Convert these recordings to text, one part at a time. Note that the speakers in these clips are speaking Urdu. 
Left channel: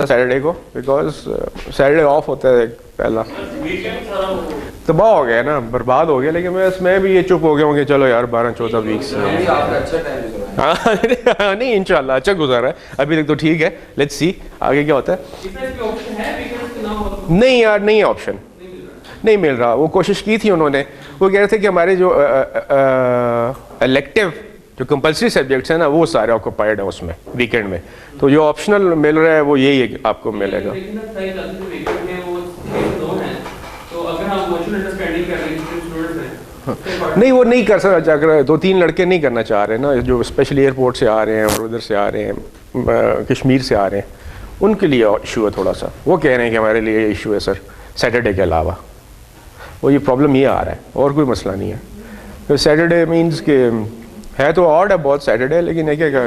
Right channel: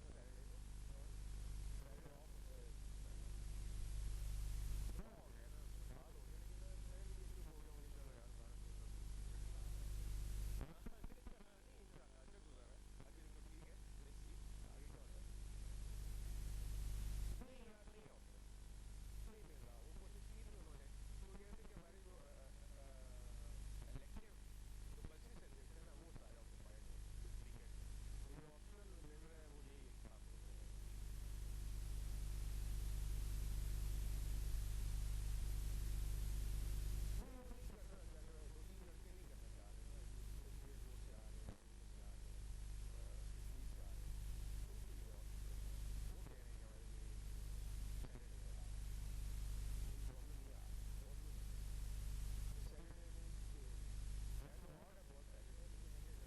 سیٹرڈے کو بیکاز سیٹرڈے آف ہوتا ہے پہلا. تباہ ہو گیا نا, برباد ہو گیا. لیکن میں بھی یہ چپ ہو گیا ہوں کہ چلو یار 12-14 ویکس نہیں انشاءاللہ اچھا گزارا ہے ابھی تک تو ٹھیک ہے. لیٹس سی آگے کیا ہوتا ہے. نہیں یار نہیں آپشن نہیں مل رہا. وہ کوشش کی تھی انہوں نے, وہ کہہ رہے تھے کہ ہمارے جو الیکٹیو جو کمپلسری سبجیکٹس ہیں نا وہ سارے آکوپائڈ ہیں اس میں ویکینڈ میں. تو جو آپشنل مل رہا ہے وہ یہی ہے کہ آپ کو ملے گا. نہیں وہ نہیں کر سکتا. اگر 2-3 لڑکے نہیں کرنا چاہ رہے نا جو اسپیشلی ایئرپورٹ سے آ رہے ہیں اور ادھر سے آ رہے ہیں کشمیر سے آ رہے ہیں, ان کے لیے ایشو ہے تھوڑا سا. وہ کہہ رہے ہیں کہ ہمارے لیے ایشو ہے سر سیٹرڈے کے علاوہ. وہ یہ پرابلم یہ آ رہا ہے اور کوئی مسئلہ نہیں ہے. سیٹرڈے مینس کہ ہے تو آڈ ہے بہت سیٹرڈے, لیکن یہ کیا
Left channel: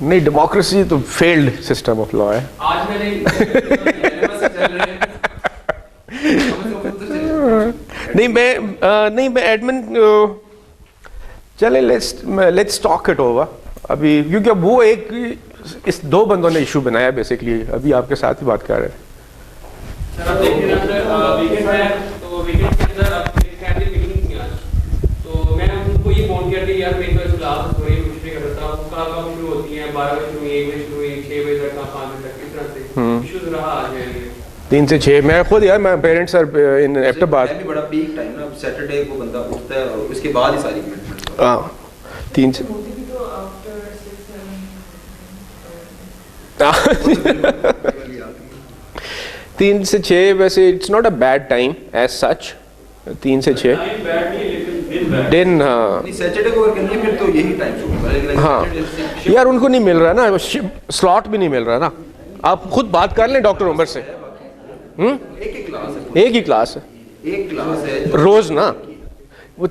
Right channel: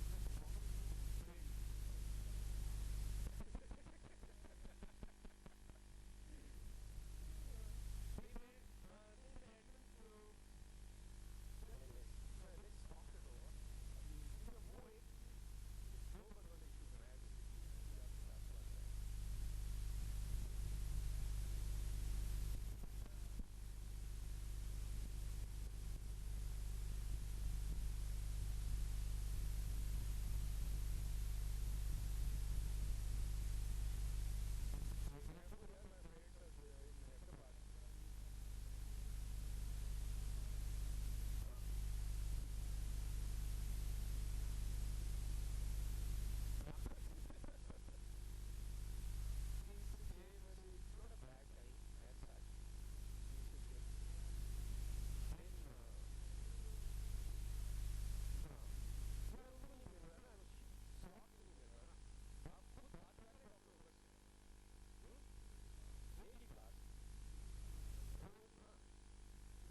نہیں ڈیموکریسی تو فیلڈ سسٹم آف لا ہے. نہیں میں ایڈمن چلے لیٹس ٹاک اٹ اوور ابھی, کیونکہ اب وہ ایک اس 2 بندوں نے ایشو بنایا بیسکلی. ابھی آپ کے ساتھ ہی بات کر رہے ہیں. تین سے 6 میں خود یار میں پیرنٹس ان ایفٹر بات بڑا پیک ٹائم نا سیٹرڈے کو بندہ اٹھتا ہے اور اس کے بعد ہی ساری ہاں 3 سے 3 سے 6 ویسے it's not a bad time as such. 3 سے 6 دن. ہاں سیٹرڈے کو کرنی ہے پھر تو یہی ٹائم. ہاں یار ان کو نہیں مل رہا نا سلاٹ بھی نہیں مل رہا نا. آپ خود بات کر لیں ڈاکٹر عمر سے. ایک ہی کلاس ہے روز نا, وہ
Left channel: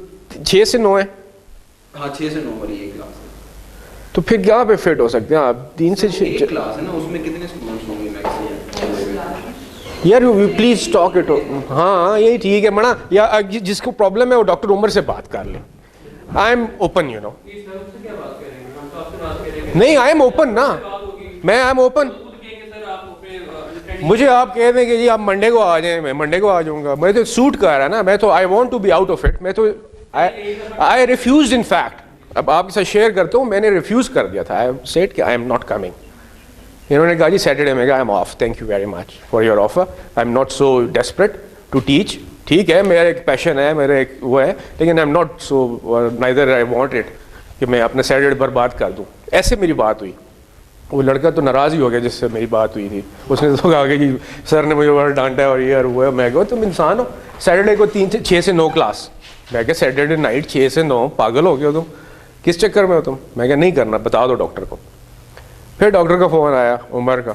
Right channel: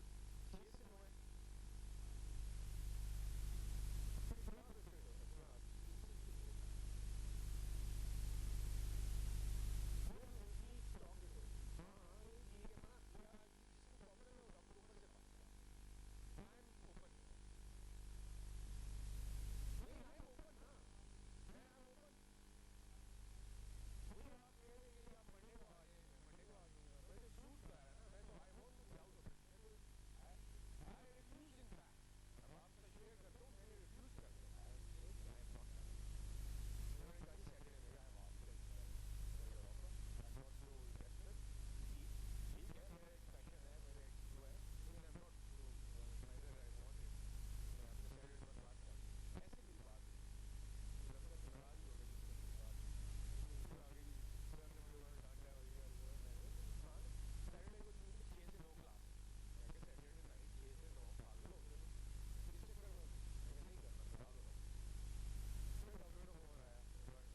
6 سے 9 ہے. ہاں 6 سے 9 والی ایک کلاس ہے. تو پھر کہاں پہ فٹ ہو سکتے ہیں آپ. 3 سے 6 کلاس ہے نا, اس میں کتنے اسٹوڈنٹس ہوں گے میکسیمم یار پلیز ٹاک اٹ. ہاں یہی ٹھیک ہے منا, یا جس کو پرابلم ہے وہ ڈاکٹر عمر سے بات کر لیں. I am open you know. نہیں آئی ایم اوپن نا, میں آئی ایم اوپن. مجھے آپ کہہ دیں کہ جی آپ منڈے کو آ جائیں, میں منڈے کو آ جاؤں گا. میں تو سوٹ کر رہا ہے نا, میں تو I want to be out of it. میں تو آئی ریفیوزڈ ان فیکٹ. اب آپ کے ساتھ شیئر کرتا ہوں, میں نے ریفیوز کر دیا تھا. آئی سیڈ کہ آئی ایم ناٹ کمنگ. انہوں نے کہا جی سیٹرڈے میں I am off, thank you very much for your offer, I am not so desperate to teach. ٹھیک ہے میرا ایک پیشن ہے, میرا ایک وہ ہے, لیکن آئی am not so neither I want it کہ میں اپنا سیٹرڈے برباد کر دوں. ایسے میری بات ہوئی. وہ لڑکا تو ناراض ہی ہو گیا جس سے میری بات ہوئی تھی. اس نے تو کہا کہ جی سر نے مجھے بڑا ڈانٹا ہے اور یہ اور وہ ہے. میں کہا تم انسان ہو, سیٹرڈے کو 6 سے 9 کلاس. میں کہا سیٹرڈے نائٹ 6 سے 9 پاگل ہو گیا تم, کس چکر میں ہو تم. میں کہا نہیں کرنا, بتا دو ڈاکٹر کو. پھر ڈاکٹر کا فون آیا عمر کا.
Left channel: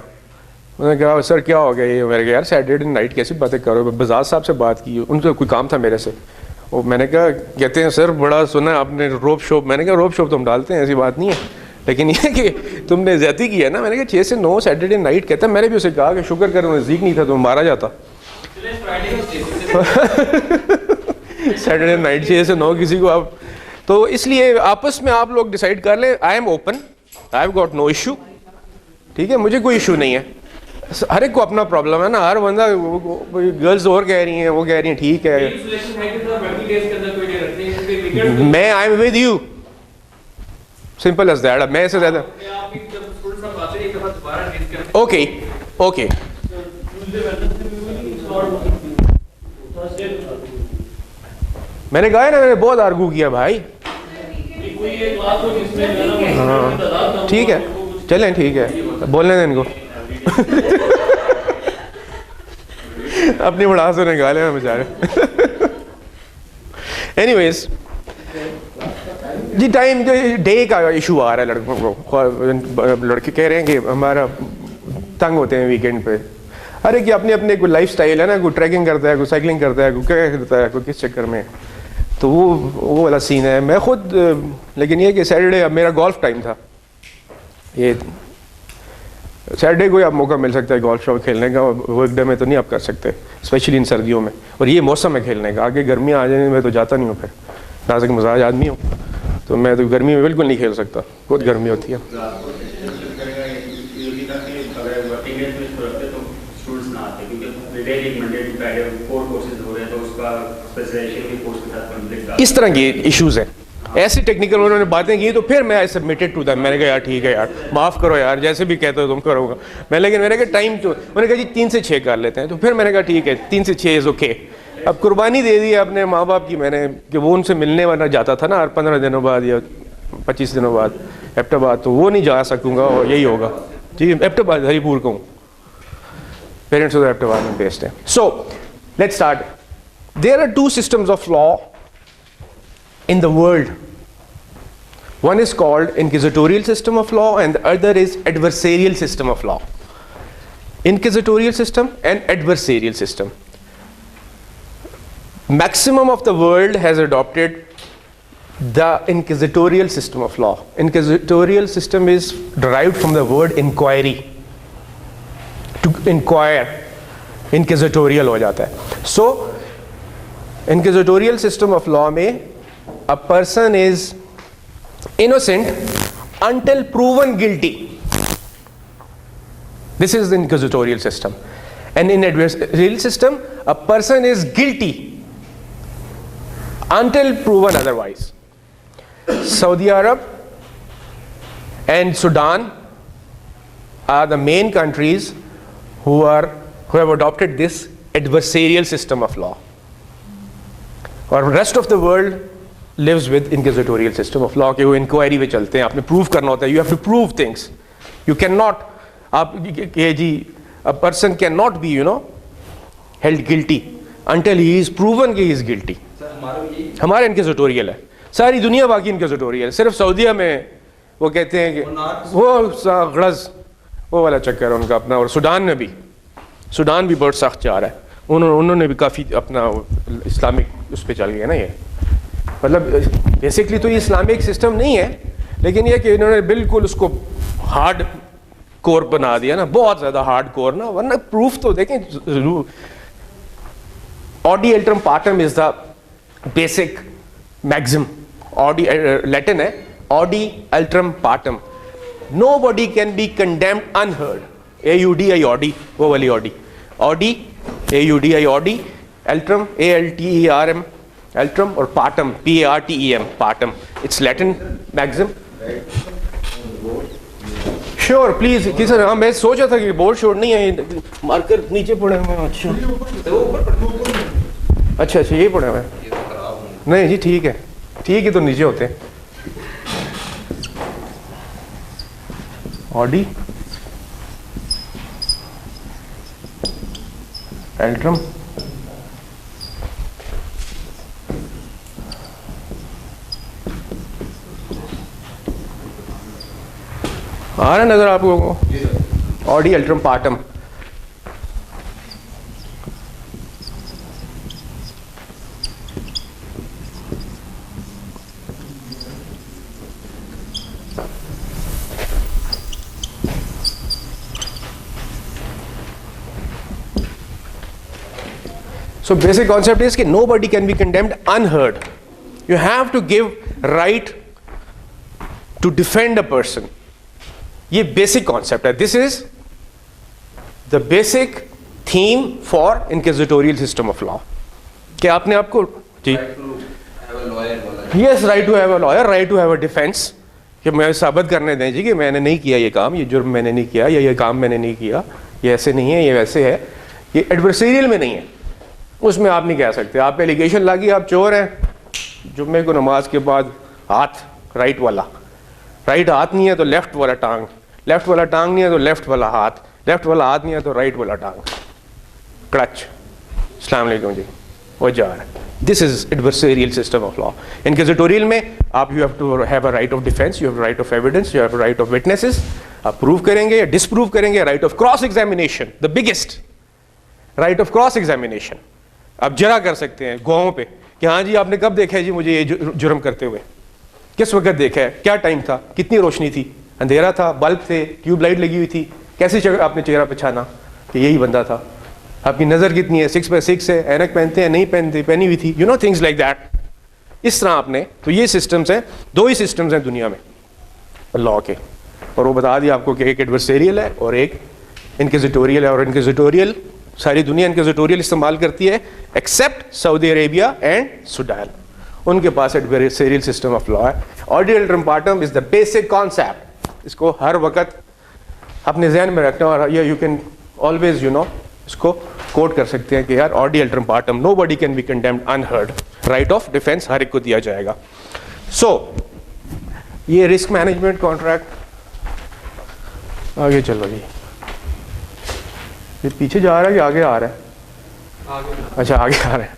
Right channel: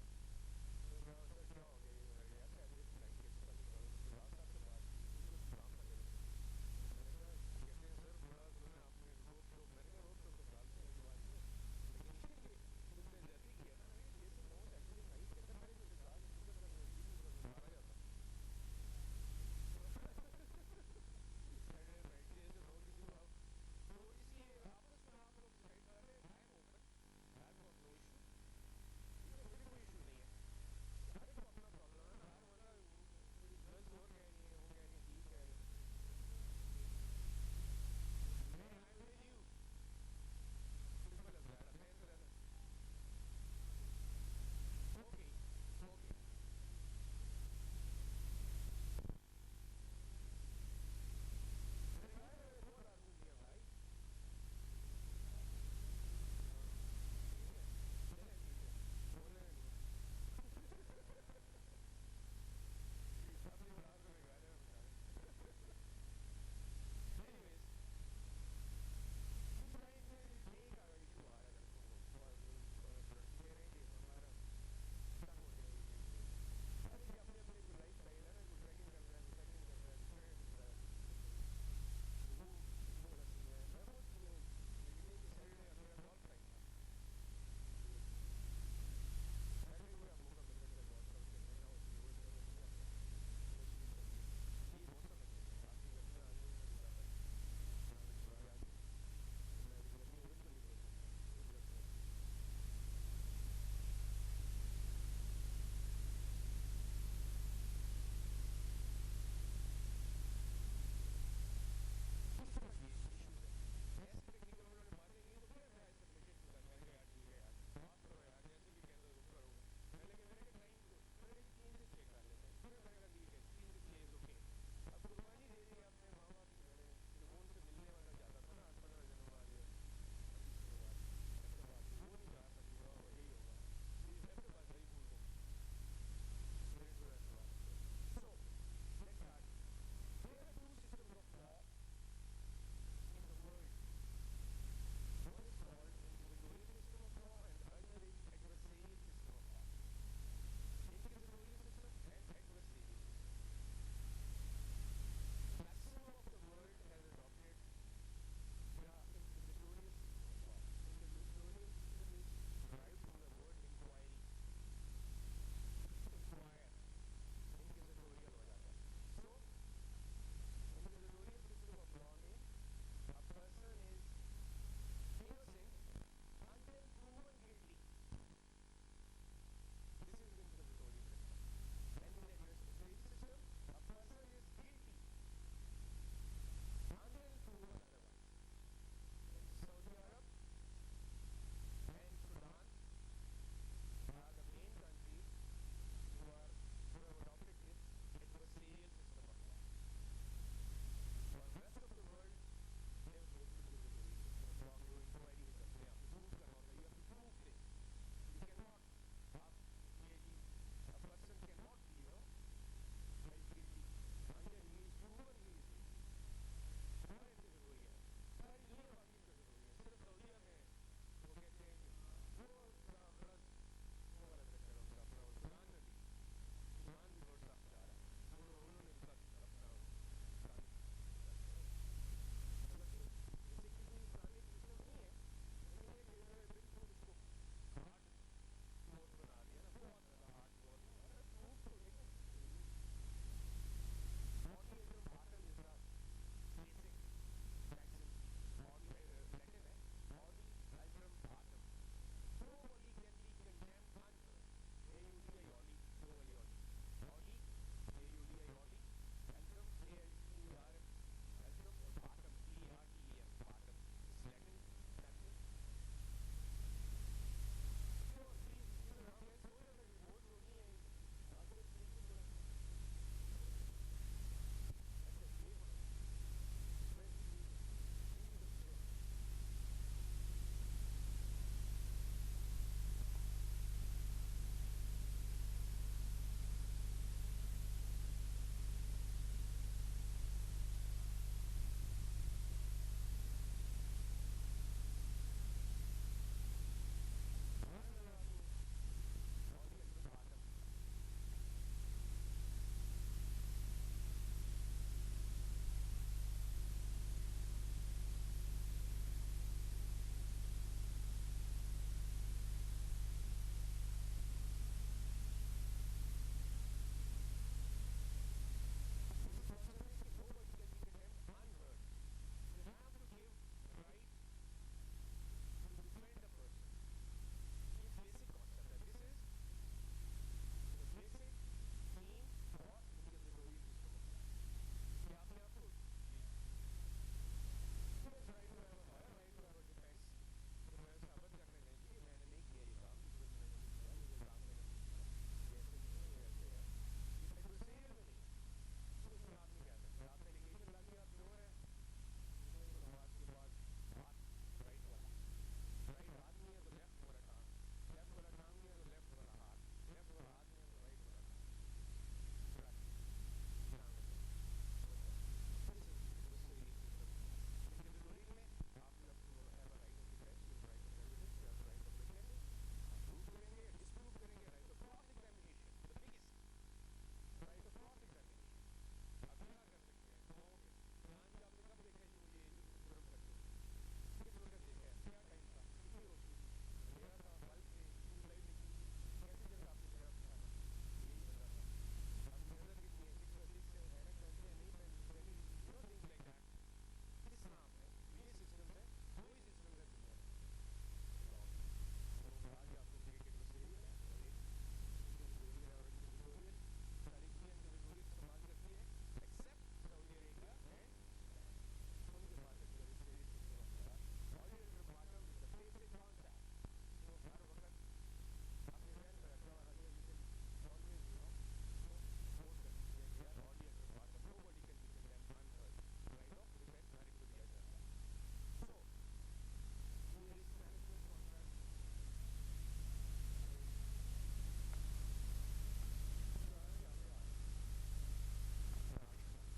انہوں نے کہا سر کیا ہو گیا یہ. میں نے کہا یار سیٹرڈے نائٹ کیسی باتیں کرو. بزاز صاحب سے بات کی, ان کا کوئی کام تھا میرے سے. وہ میں نے کہا کہتے ہیں سر بڑا سنا آپ نے روپ شوپ. میں نے کہا روپ شوپ تو ہم ڈالتے ہیں, ایسی بات نہیں ہے, لیکن یہ کہ تم نے زیادتی کی ہے نا. میں نے کہا 6 سے 9 سیٹرڈے نائٹ کہتا ہے. میں نے بھی اسے کہا کہ شکر کر نزدیک نہیں تھا تو مارا جاتا. سیٹرڈے نائٹ 6 سے 9 کسی کو آپ. تو اس لیے آپس میں آپ لوگ ڈیسائیڈ کر لیں. I am open, I have got no issue. ٹھیک ہے مجھے کوئی ایشو نہیں ہے. ہر ایک کو اپنا پرابلم ہے نا. ہر بندہ گرلز اور کہہ رہی ہیں, وہ کہہ رہی ہیں ٹھیک ہے. میں I M with you, simple as that. میں سے زیادہ اوکے اوکے. میں نے کہا ہے نا, میں نے بہت آرگو کیا بھائی. ہاں ٹھیک ہے چلیں, ٹھیک ہے بولنے دیں ان کو. اپنی بڑا سے نکالے نا بیچارے. اینی ویز جی ٹائم ڈے کا ایشو آ رہا ہے لڑکوں کو. لڑکے کہہ رہے ہیں کہ ہمارا تنگ ہوتے ہیں ویکینڈ پہ. ہر ایک اپنے اپنے کوئی لائف سٹائل ہے نا. کوئی ٹریکنگ کرتا ہے, کوئی سائیکلنگ کرتا ہے, کوئی کیا کرتا ہے, کوئی کس چکر میں. تو وہ والا سین ہے. میں خود لیکن یہ کہ سیٹرڈے اب میرا گولف ٹائم تھا. یہ سیٹرڈے کو آپ موقع مل سکتا ہے گولف شاپ کھیلنے کا, ورک ڈے میں تو نہیں آپ کر سکتے, اسپیشلی ان سردیوں میں, اور یہ موسم ہے کھیلنے کا. آگے گرمیاں آ جائیں میں تو جاتا نہیں ہوں, پھر نازک مزاج آدمی ہوں تو میں تو گرمی میں بالکل نہیں کھیل سکتا, بہت گرمی ہوتی ہے. اس طرح کی ایشوز ہیں, ایسی ٹیکنیکل انہوں نے باتیں کی تو پھر میں سبمٹڈ ٹو دیم. میں نے کہا یار ٹھیک ہے یار, معاف کرو یار, جیسے بھی کہتے ہو تم کرو گا. لیکن میں نے کہا ٹائم تو, میں نے کہا جی 3 سے 6 کر لیتے ہیں. تو پھر میں نے کہا ٹھیک ہے 3 سے 6 از اوکے. اب قربانی دے دی اپنے ماں باپ کی میں نے, کہ وہ ان سے ملنے والا جاتا تھا نا ہر 15 دنوں بعد یا 25 دنوں بعد ایبٹ آباد, تو وہ نہیں جا سکوں گا, اور یہی ہوگا. جی ایبٹ آباد ہری پور کا ہوں, پیرنٹس ادھر ایبٹ آباد میں بیسڈ ہیں. So let's start. There are 2 systems of law in the world. One is called inquisitorial system of law and the other is adversarial system of law. Inquisitorial system and adversarial system. Maximum of the world has adopted the inquisitorial system of law. Inquisitorial system is derived from the word inquiry. To inquire, inquisitorial ho jata hai. So, inquisitorial system of law mein a person is innocent until proven guilty. This is the inquisitorial system. And in adversarial system, a person is guilty until proven otherwise. Saudi Arab and Sudan are the main countries who have adopted this adversarial system of law. اور rest of the world lives with inquisitorial system of law, کہ وہ انکوائری پہ چلتے ہیں, آپ نے پروف کرنا ہوتا ہے, you have to prove things, you can not, آپ کہ جی a person can not be held guilty until he is proven کہ ہی از گلٹی. ہمارا انکوزیٹوریل ہے, ساری دنیا باقی انکوزیٹوریل, صرف سعودیہ میں وہ کہتے ہیں کہ وہ غرض وہ والا چکر ہے ان کا اپنا. اور سوڈان بھی بہت سخت جا رہا ہے, انہوں نے بھی کافی اپنا اسلامک اس پہ چل گیا نا. یہ مطلب بیسکلی تو یہ اسلامک سسٹم نہیں ہے, لیکن یہ کہ انہوں نے بالکل اس کو ہارڈ کور بنا دیا نا, بہت زیادہ ہارڈ کور نا. ورنہ پروف تو دیکھیں ضرور. Audi alteram partem is the basic maxim. Audi Latin ہے audi alteram partem. Nobody can be condemned unheard. AUDI audi, وہ والی audi, audi AUDI audi, alteram ALTERM alteram, اور partem PARTEM partem. It's Latin maxim. Sure please کی سر, ہاں میں سوچا تھا کہ بورڈ شورڈ نہیں ہے, مارکر نیچے پڑے ہوئے ہیں. اچھا اچھا یہ پڑے ہوئے ہیں, نہیں جی ٹھیک ہے, ٹھیک ہے تو نیچے ہوتے ہیں. آڈی الٹرم آ رہا نظر آپ کو, Audi alteram پارٹم. So basic concept is that nobody can be condemned unheard. You have to give right to defend a person. یہ بیسک کانسیپٹ ہے. This is the basic theme for inquisitorial system of law. کہ آپ نے آپ کو جی yes right to have a lawyer, right to have a defence, کہ میں ثابت کرنے دیں جی کہ میں نے نہیں کیا یہ کام, یہ جرم میں نے نہیں کیا, یا یہ کام میں نے نہیں کیا, یہ ایسے نہیں ہے, یہ ویسے ہے. یہ ایڈورسریل میں نہیں ہے, اس میں آپ نہیں کہہ سکتے. آپ ایلیگیشن لاگی آپ چور ہیں, جمعے کو نماز کے بعد ہاتھ رائٹ والا, رائٹ ہاتھ نہیں ہے تو لیفٹ والا ٹانگ, لیفٹ والا ٹانگ نہیں ہے تو لیفٹ والا ہاتھ, لیفٹ والا ہاتھ نہیں ہے تو رائٹ والا ٹانگ, کلچ. السلام علیکم جی, وہ جا رہا ہے. This is ایڈورسریل system of law. Inquisitorial میں آپ you have to have a right of defence, you have right of evidence, you have right of witnesses. آپ پروو کریں گے یا ڈس پروو کریں گے. Right of cross examination, the biggest right of cross examination. آپ جرا کر سکتے ہیں گواہوں پہ کہ ہاں جی آپ نے کب دیکھا ہے جی مجھے یہ جرم کرتے ہوئے, کس وقت دیکھا ہے, کیا ٹائم تھا, کتنی روشنی تھی, اندھیرا تھا, بلب تھے, ٹیوب لائٹ لگی ہوئی تھی, کیسے آپ نے چہرہ پہچانا کہ یہی بندہ تھا؟ آپ کی نظر کتنی ہے؟ 6x6 ہے، اینک پہنتے ہیں نہیں پہنتے، پہنی ہوئی تھی، تھنگس لائک دیٹ. اس طرح آپ نے، تو یہ سسٹمز ہیں، 2 ہی سسٹمز ہیں دنیا میں لا کے، اور وہ بتا دیا آپ کو کہ ایک ایڈورسیریل ہے اور ایک انکوزیٹوریل ہے. اور انکوزیٹوریل ساری دنیا انکوزیٹوریل استعمال کرتی ہے except Saudi Arabia and Sudan. ان کے پاس ایڈورسیریل سسٹم آف لا ہے. Audi alteram partem is the basic concept. اس کو ہر وقت اپنے ذہن میں رکھنا، اور یو کین آلویز اس کو کوٹ کر سکتے ہیں کہ یار audi alteram partem, nobody can be condemned unheard, right of defence ہر ایک کو دیا جائے گا. سو یہ رسک مینجمنٹ کانٹریکٹ. آگے چلو جی، یہ پیچھے جا رہا ہے کہ آگے آ رہا ہے؟ اچھا آگے آ رہا ہے،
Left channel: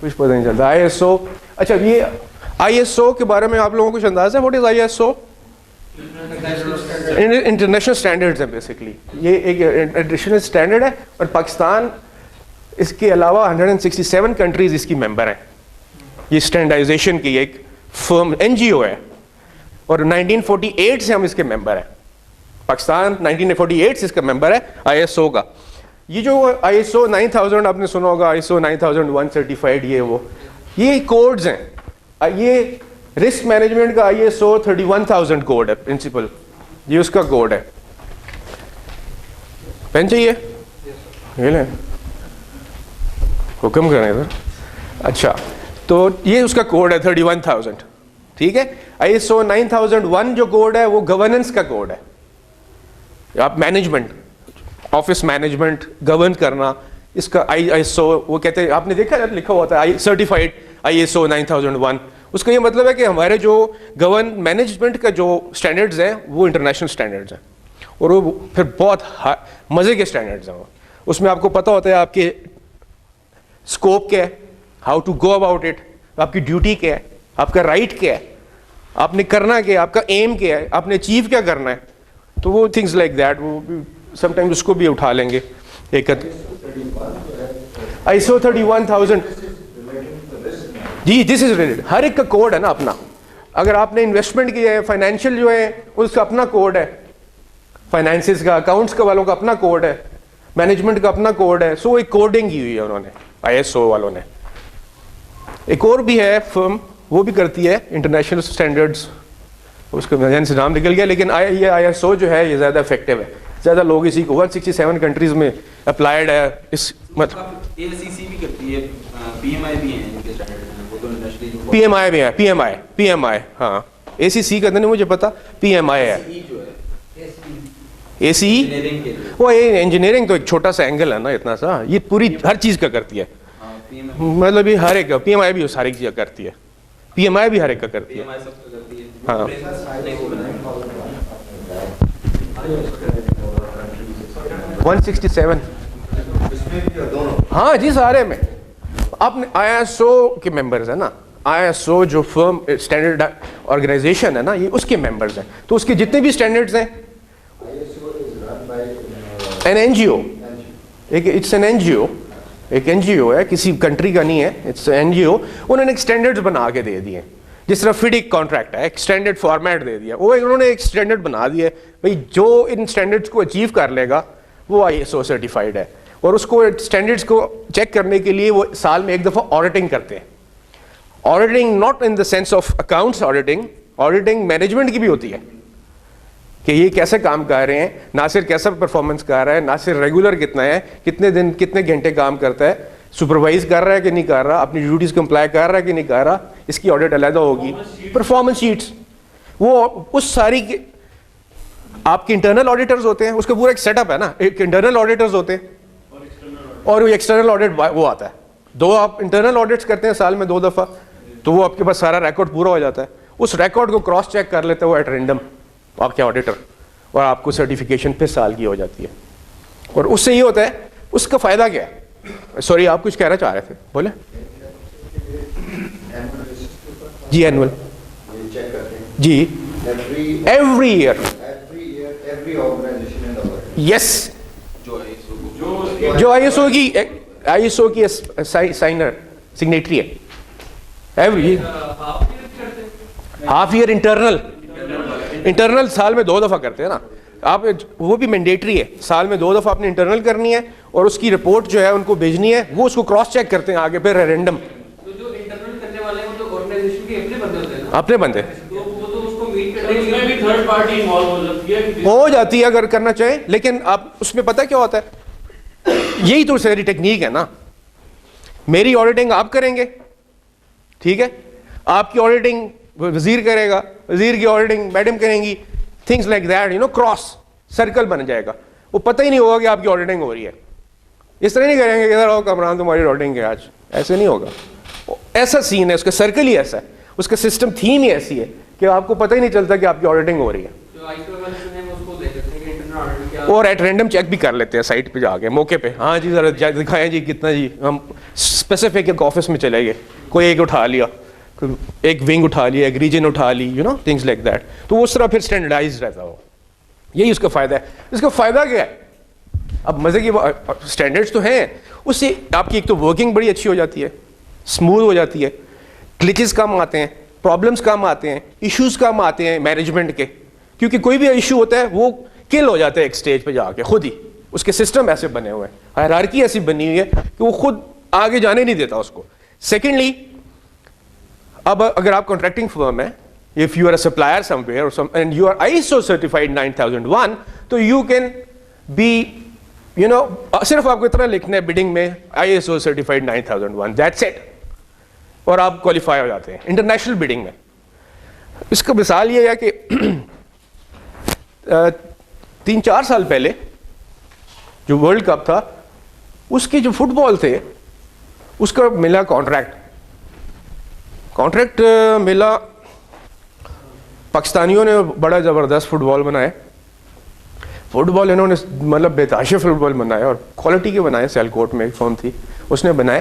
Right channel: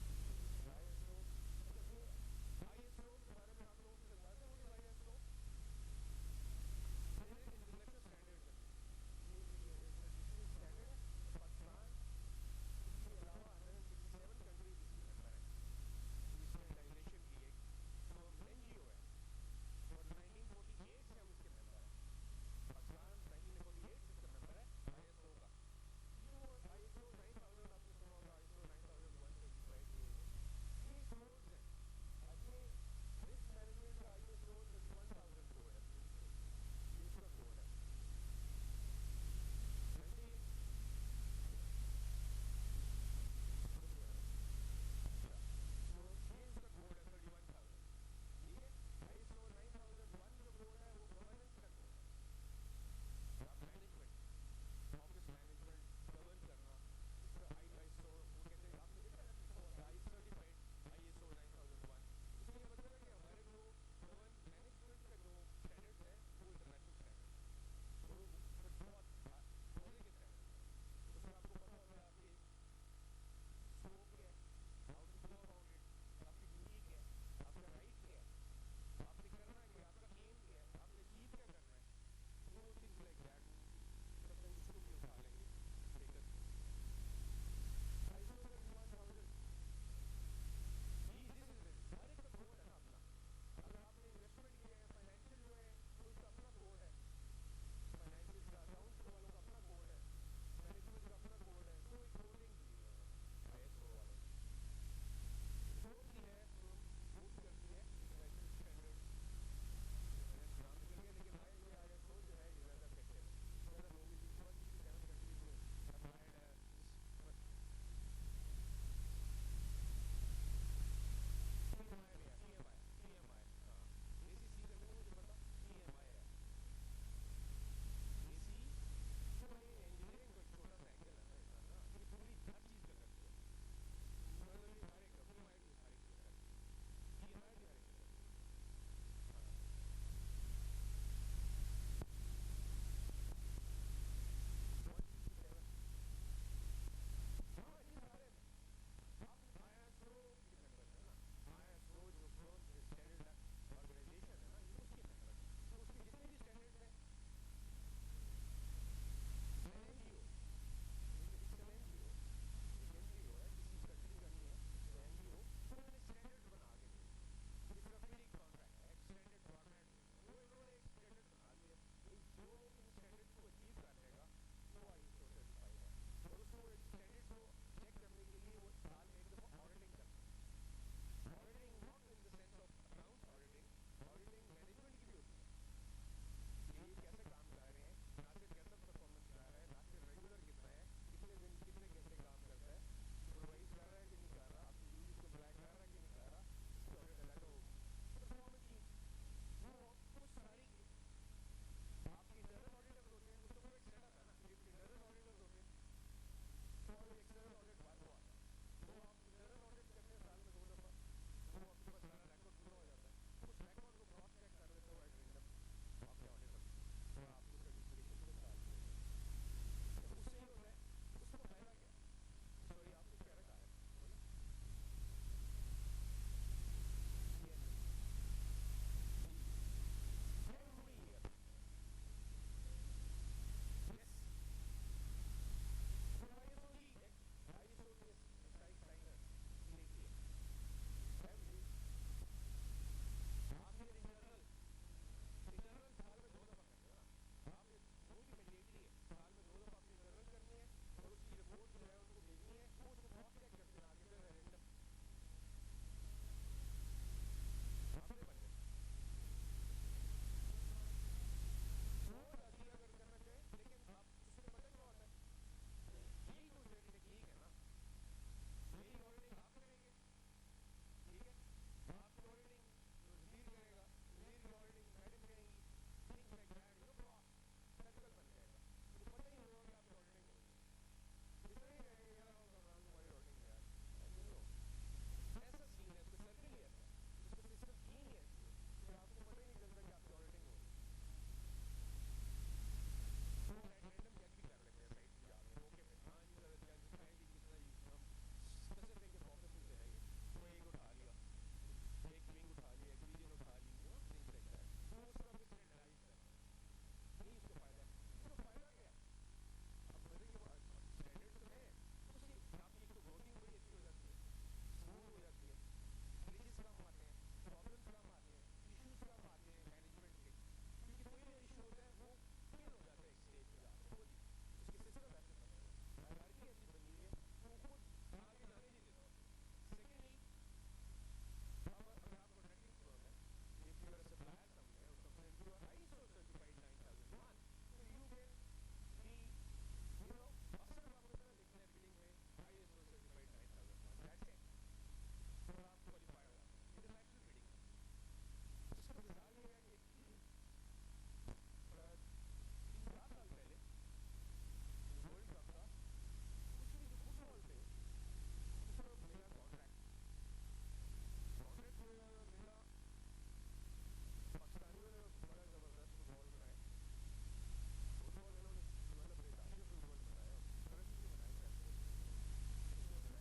کچھ پتہ نہیں چلتا. ISO، اچھا یہ ISO کے بارے میں آپ لوگوں کو کچھ اندازہ ہے؟ What is ISO؟ International standards ہیں بیسکلی. یہ ایک انٹرنیشنل اسٹینڈرڈ ہے، اور پاکستان اس کے علاوہ 167 کنٹریز اس کی ممبر ہیں. یہ اسٹینڈرڈائزیشن کی ایک فرم NGO ہے، اور 1948 سے ہم اس کے ممبر ہیں. پاکستان 1948 سے اس کا ممبر ہے ISO کا. یہ جو ISO 9000 آپ نے سنا ہوگا، ISO 9001 سرٹیفائڈ، یہ کوڈز ہیں. یہ رسک مینجمنٹ کا ISO 31000 کوڈ ہے، پرنسپل، یہ اس کا کوڈ ہے. پین چاہیے؟ یہ لیں، حکم کریں سر. اچھا تو یہ اس کا کوڈ ہے 31000. ٹھیک ہے. ISO 9001 جو کوڈ ہے وہ گورننس کا کوڈ ہے. آپ مینجمنٹ، آفس مینجمنٹ گورن کرنا، اس کا ISO وہ کہتے ہیں، آپ نے دیکھا لکھا ہوتا ہے سرٹیفائڈ ISO 9001. اس کا یہ مطلب ہے کہ ہمارے جو مینجمنٹ کا جو اسٹینڈرڈز ہیں وہ انٹرنیشنل اسٹینڈرڈز ہیں، اور وہ پھر بہت مزے کے اسٹینڈرڈز ہیں. اس میں آپ کو پتہ ہوتا ہے آپ کے اسکوپ کیا ہے، how to go about it, آپ کی ڈیوٹی کیا ہے، آپ کا رائٹ کیا ہے، آپ نے کرنا کیا ہے، آپ کا ایم کیا ہے، آپ نے اچیو کیا کرنا ہے. تو وہ تھنگز لائک دیٹ، وہ سم ٹائم اس کو بھی اٹھا لیں گے. ایک ISO 31000 G this is related, ہر ایک کا کوڈ ہے نا اپنا. اگر آپ نے انویسٹمنٹ کیا ہے، فائنینشیل جو ہے اس کا اپنا کوڈ ہے، فائنینسز کا، اکاؤنٹس کا والوں کا اپنا کوڈ ہے، مینجمنٹ کا اپنا کوڈ ہے. سو ایک کوڈنگ کی ہوئی ہے انہوں نے ISO والوں نے. ایک اور بھی ہے فرم، وہ بھی کرتی ہے انٹرنیشنل اسٹینڈرڈس، اس کا ذہن سے نام نکل گیا، لیکن یہ ISO جو ہے یہ زیادہ افیکٹو ہے. زیادہ لوگ اسی کو 167 کنٹریز میں اپلائیڈ ہے. اس مطلب ACC بھی کرتی ہے، PMI بھی ہیں ان کے اسٹینڈرڈ میں، وہ تو انڈسٹری PMI بھی ہے، PMI ہاں. ACC کا نہیں مجھے پتا، PMI ہے. ACE وہ انجینئرنگ تو ایک چھوٹا سا اینگل ہے نا، اتنا سا. یہ پوری ہر چیز کا کرتی ہے، مطلب یہ ہر ایک کا. PMI بھی ہر ایک چیز کا کرتی ہے، PMI بھی ہر ایک کا کرتی ہے. ہاں 167 ہاں جی سارے میں. آپ نے ISO کے ممبرز ہیں نا، ISO جو فرم اسٹینڈرڈ آرگنائزیشن ہے نا، یہ اس کے ممبرز ہیں. تو اس کے جتنے بھی اسٹینڈرڈز ہیں، an NGO، it's an NGO، ایک NGO ہے، کسی کنٹری کا نہیں ہے، اٹس NGO. انہوں نے ایک اسٹینڈرڈز بنا کے دے دیے، جس طرح FIDIC کانٹریکٹ ہے، ایک اسٹینڈرڈ فارمیٹ دے دیا. وہ انہوں نے ایک اسٹینڈرڈ بنا دیا ہے بھائی، جو ان اسٹینڈرڈس کو اچیو کر لے گا وہ ISO سرٹیفائڈ ہے. اور اس کو اسٹینڈرڈس کو چیک کرنے کے لیے وہ سال میں ایک دفعہ آڈیٹنگ کرتے ہیں. Auditing not in the sense of accounts auditing management کی بھی ہوتی ہے کہ یہ کیسے کام کر رہے ہیں، ناصر کیسا پرفارمنس کر رہا ہے، ناصر ریگولر کتنا ہے، کتنے دن کتنے گھنٹے کام کرتا ہے، سپروائز کر رہا ہے کہ نہیں کر رہا، اپنی ڈیوٹیز کمپلائی کر رہا ہے کہ نہیں کر رہا. اس کی آڈٹ علیحدہ ہوگی. پرفارمنس شیٹس، وہ اس ساری آپ کے انٹرنل آڈیٹرز ہوتے ہیں، اس کا پورا ایک سیٹ اپ ہے نا. ایک انٹرنل آڈیٹرز ہوتے ہیں اور وہ ایکسٹرنل آڈٹ وہ آتا ہے. 2 آپ انٹرنل آڈٹس کرتے ہیں سال میں 2 دفعہ، تو وہ آپ کے پاس سارا ریکارڈ پورا ہو جاتا ہے. اس ریکارڈ کو کراس چیک کر لیتے ہیں وہ ایٹ رینڈم آپ کے آڈیٹر، اور آپ کو سرٹیفکیشن پھر سال کی ہو جاتی ہے. اور اس سے یہ ہوتا ہے، اس کا فائدہ کیا ہے؟ سوری آپ کچھ کہنا چاہ رہے تھے، بولیں. جی اینول جی ایوری ایئر یس، جو ISO کی سگنیٹری ہے ایوری ہاف ایئر. انٹرنل سال میں 2 دفعہ کرتے ہیں نا. آپ وہ بھی مینڈیٹری ہے, سال میں 2 دفعہ آپ نے انٹرنل کرنی ہے اور اس کی رپورٹ جو ہے ان کو بھیجنی ہے, وہ اس کو کراس چیک کرتے ہیں آگے پھر رینڈم. تو جو انٹرنل کرنے والے ہیں وہ تو آرگنائزیشن کے اپنے بندے ہوتے ہیں نا, اپنے بندے تو وہ تو اس کو میٹ کرنے کے لیے بھی تھرڈ پارٹی انوالو ہو جاتی ہے اگر کرنا چاہیں, لیکن آپ اس میں پتہ کیا ہوتا ہے, یہی تو ساری ٹیکنیک ہے نا. میری آڈیٹنگ آپ کریں گے, ٹھیک ہے, آپ کی آڈیٹنگ وزیر کرے گا, وزیر کی آڈیٹنگ میڈم کریں گی, things like that, you know, cross circle بن جائے گا. وہ پتہ ہی نہیں ہوگا کہ آپ کی آڈیٹنگ ہو رہی ہے. اس طرح نہیں کریں گے کہ ادھر آؤ کامران تمہاری آڈیٹنگ ہے آج, ایسے نہیں ہوگا. ایسا سین ہے, اس کا سرکل ہی ایسا ہے, اس کا سسٹم تھیم ہی ایسی ہے کہ آپ کو پتہ ہی نہیں چلتا کہ آپ کی آڈیٹنگ ہو رہی ہے. اور ایٹ رینڈم چیک بھی کر لیتے ہیں سائٹ پہ جا کے موقع پہ, ہاں جی ذرا دکھائیں جی کتنا جی, ہم اسپیسیفک ایک آفس میں چلے گئے, کوئی ایک اٹھا لیا, ایک ونگ اٹھا لیا, ایک ریجن اٹھا لی, you know, things like that. تو اس طرح پھر اسٹینڈرڈائز رہتا ہو, یہی اس کا فائدہ ہے. اس کا فائدہ کیا ہے, اب مزے کی اسٹینڈرڈس تو ہیں, اس سے آپ کی ایک تو ورکنگ بڑی اچھی ہو جاتی ہے, اسموتھ ہو جاتی ہے, گلچز کم آتے ہیں, پرابلمس کم آتے ہیں, ایشوز کم آتے ہیں مینجمنٹ کے, کیونکہ کوئی بھی ایشو ہوتا ہے وہ کل ہو جاتا ہے ایک سٹیج پہ جا کے خود ہی. اس کے سسٹم ایسے بنے ہوئے ہیں, ہائرارکی ایسی بنی ہوئی ہے کہ وہ خود آگے جانے نہیں دیتا اس کو. سیکنڈلی, اب اگر آپ کانٹریکٹنگ فرم ہے, if you are a supplier somewhere and you are ISO certified 9001, تو you can be, you know, صرف آپ کو اتنا لکھنا ہے بڈنگ میں ISO certified 9001, that's it, اور آپ کوالیفائی ہو جاتے ہیں انٹرنیشنل بڈنگ میں. اس کا مثال یہ ہے کہ 3-4 سال پہلے جو ورلڈ کپ تھا, اس کے جو فٹ بال تھے اس کا ملا کانٹریکٹ ملا, پاکستانیوں نے بڑا زبردست فٹ بال بنائے. فٹ بال انہوں نے مطلب بےتحاشا فٹ بال بنائے اور کوالٹی کے بنائے. سیلکوٹ میں ایک فارم تھی اس نے بنائے.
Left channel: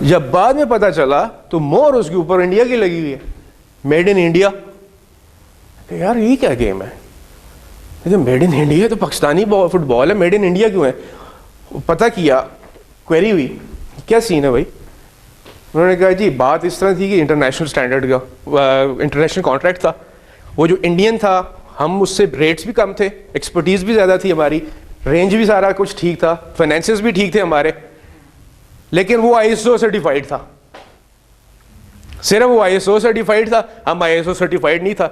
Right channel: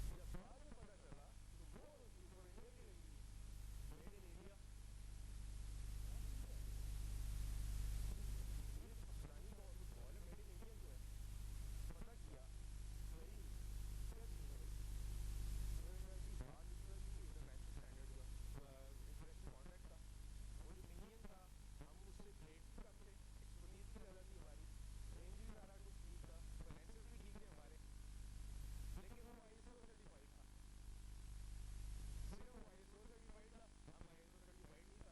جب بعد میں پتا چلا تو مور اس کے اوپر انڈیا کی لگی ہوئی ہے, میڈ ان انڈیا. یار یہ کیا گیم ہے, میڈ ان انڈیا تو پاکستانی فٹ بال ہے, میڈ ان انڈیا کیوں ہے؟ پتہ کیا, کوئری ہوئی, کیا سین ہے بھائی. انہوں نے کہا جی بات اس طرح تھی کہ انٹرنیشنل اسٹینڈرڈ کا انٹرنیشنل کانٹریکٹ تھا, وہ جو انڈین تھا ہم اس سے ریٹس بھی کم تھے, ایکسپرٹیز بھی زیادہ تھی ہماری, رینج بھی سارا کچھ ٹھیک تھا, فائنینسز بھی ٹھیک تھے ہمارے, لیکن وہ ISO سرٹیفائڈ تھا. صرف وہ ISO سرٹیفائڈ تھا, ہم ISO سرٹیفائڈ نہیں تھا.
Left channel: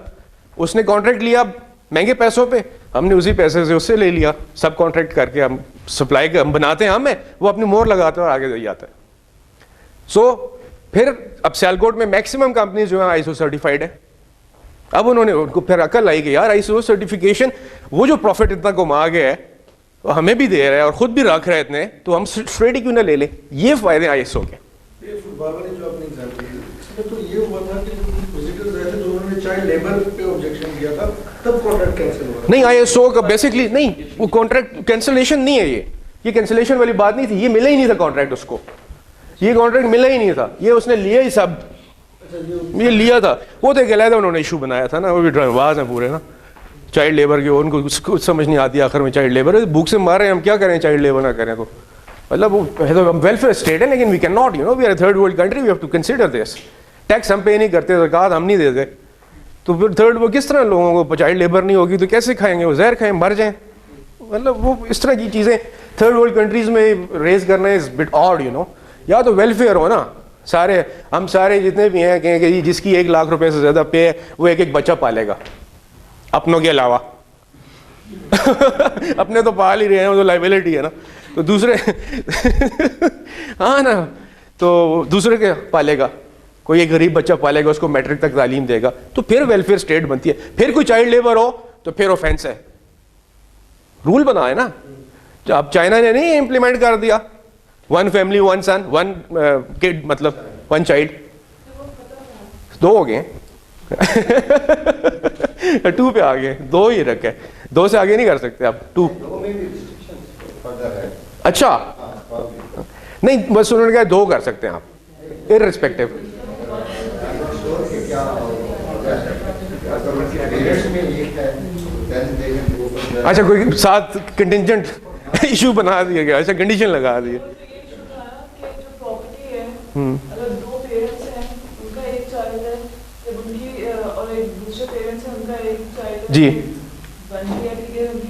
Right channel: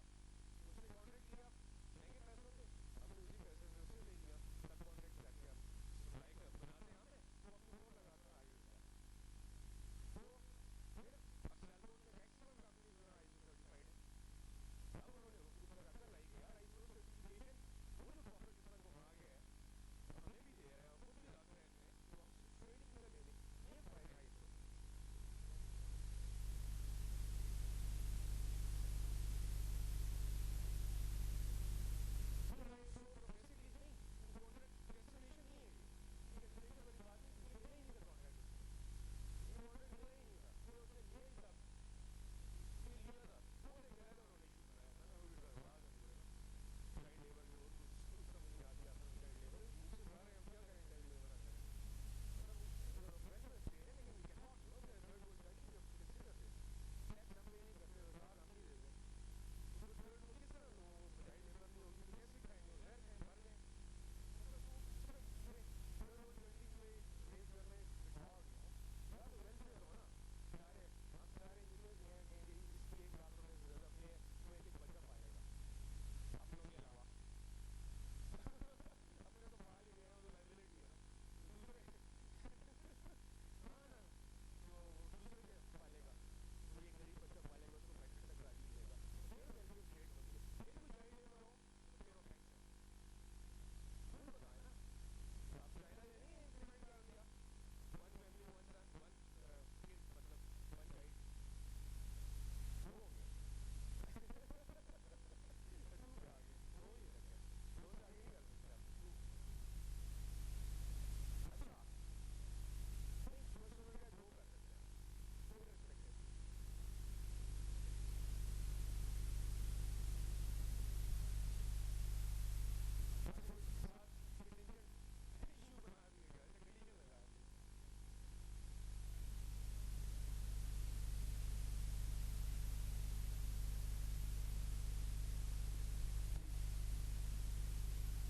اس نے کانٹریکٹ لیا مہنگے پیسوں پہ, ہم نے اسی پیسے سے اس سے لے لیا, سب کانٹریکٹ کر کے ہم سپلائی ہم بناتے ہیں, ہمیں وہ اپنی مور لگاتے ہیں اور آگے دے جاتا ہے. سو پھر اب سیلکوٹ میں میکسیمم کمپنیز جو ہیں ISO سرٹیفائڈ ہیں. اب انہوں نے ان کو پھر عقل آئی کہ یار ISO سرٹیفکیشن, وہ جو پروفٹ اتنا کما گیا ہے وہ ہمیں بھی دے رہا ہے اور خود بھی رکھ رہے ہیں اتنے, تو ہم اسٹریٹ ہی کیوں نہ لے لیں. یہ فائدے ہیں ISO کے. یہ فٹ بال والی جو آپ نے ایگزامپل دی, اس میں تو یہ ہوا تھا کہ وزٹرز رہے تھے جو انہوں نے چائلڈ لیبر پہ آبجیکشن کیا تھا, تب کانٹریکٹ کینسل ہوا. نہیں, ISO کا بیسکلی نہیں, وہ کانٹریکٹ کینسلیشن نہیں ہے, یہ کینسلیشن والی بات نہیں تھی, یہ ملا ہی نہیں تھا کانٹریکٹ اس کو, یہ کانٹریکٹ ملا ہی نہیں تھا, یہ اس نے لیا ہی سب, یہ لیا تھا. وہ تو ایک علیحدہ انہوں نے ایشو بنایا تھا نا, وہ بھی ڈرائیو باز ہیں پورے نا, چائلڈ لیبر کے, ان کو کچھ سمجھ نہیں آتی آخر میں. چائلڈ لیبر بھوک سے مار رہے ہیں, ہم کیا کریں چائلڈ لیبر نہ کریں تو, مطلب وہ ویلفیئر اسٹیٹ ہے, لیکن we can not, you know, we are a third world country, we have to consider this. Tax ہم پے نہیں کرتے, زکوٰۃ ہم نہیں دیتے, تو پھر تھرڈ وہ کس طرح لوگوں کو, چائلڈ لیبر نہیں ہوگی تو کیسے کھائیں گے, وہ زہر کھائیں مر جائیں. مطلب وہ اس طرح کی چیزیں تھرڈ ورلڈ کنٹریز میں ریز کرنا is bit odd, you know. یا تو ویلفیئر ہو نا, سارے ہم سارے جتنے بھی ہیں کہیں کہ جس کی 1 لاکھ روپے سے زیادہ پے ہے وہ ایک بچہ پالے گا اپنوں کے علاوہ. اپنے تو پال ہی رہے ہیں, وہ تو لائبلٹی ہے نا, تو دوسرے ہاں نا, تو دوسرے کے پالے گا, کوئی ایک غریب بچہ پالے گا, اس کو میٹرک تک تعلیم دے گا, تو پھر ویلفیئر اسٹیٹ بنتی ہے. پھر کوئی چائلڈ لیبر ہو تو پھر آفینس ہے, رول بنا ہے نا. اب چائنا نے نہیں امپلیمنٹ کر دیا 1 family 1 son 1 kid, مطلب 1 child, 2 ہو گئے, 2 پہ آ گئے, 2 ہی رکھے, 2 سے آگے نہیں کر سکتے آپ 2. اچھا نہیں, بس انہوں نے کہا 2 کر سکتے ہیں آپ ارسپیکٹو. اچھا کوئی ساتھ کنٹینجنٹ ایشو بنا دیا گیا, اچھا کنڈیشن لگا دی. اگر 2 پیرنٹس ہیں, ان کا ایک چائلڈ ہے, جب ان کی اور ایک دوسرے پیرنٹس ہیں, ان کا ایک چائلڈ ہے, جی بن گیا, ٹھیک ہے, ان کی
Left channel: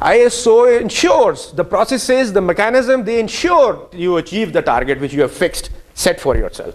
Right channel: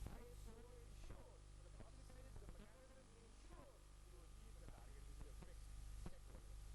ISO ensures the processes, the mechanism, they ensure you achieve the target which you have fixed, set for yourself.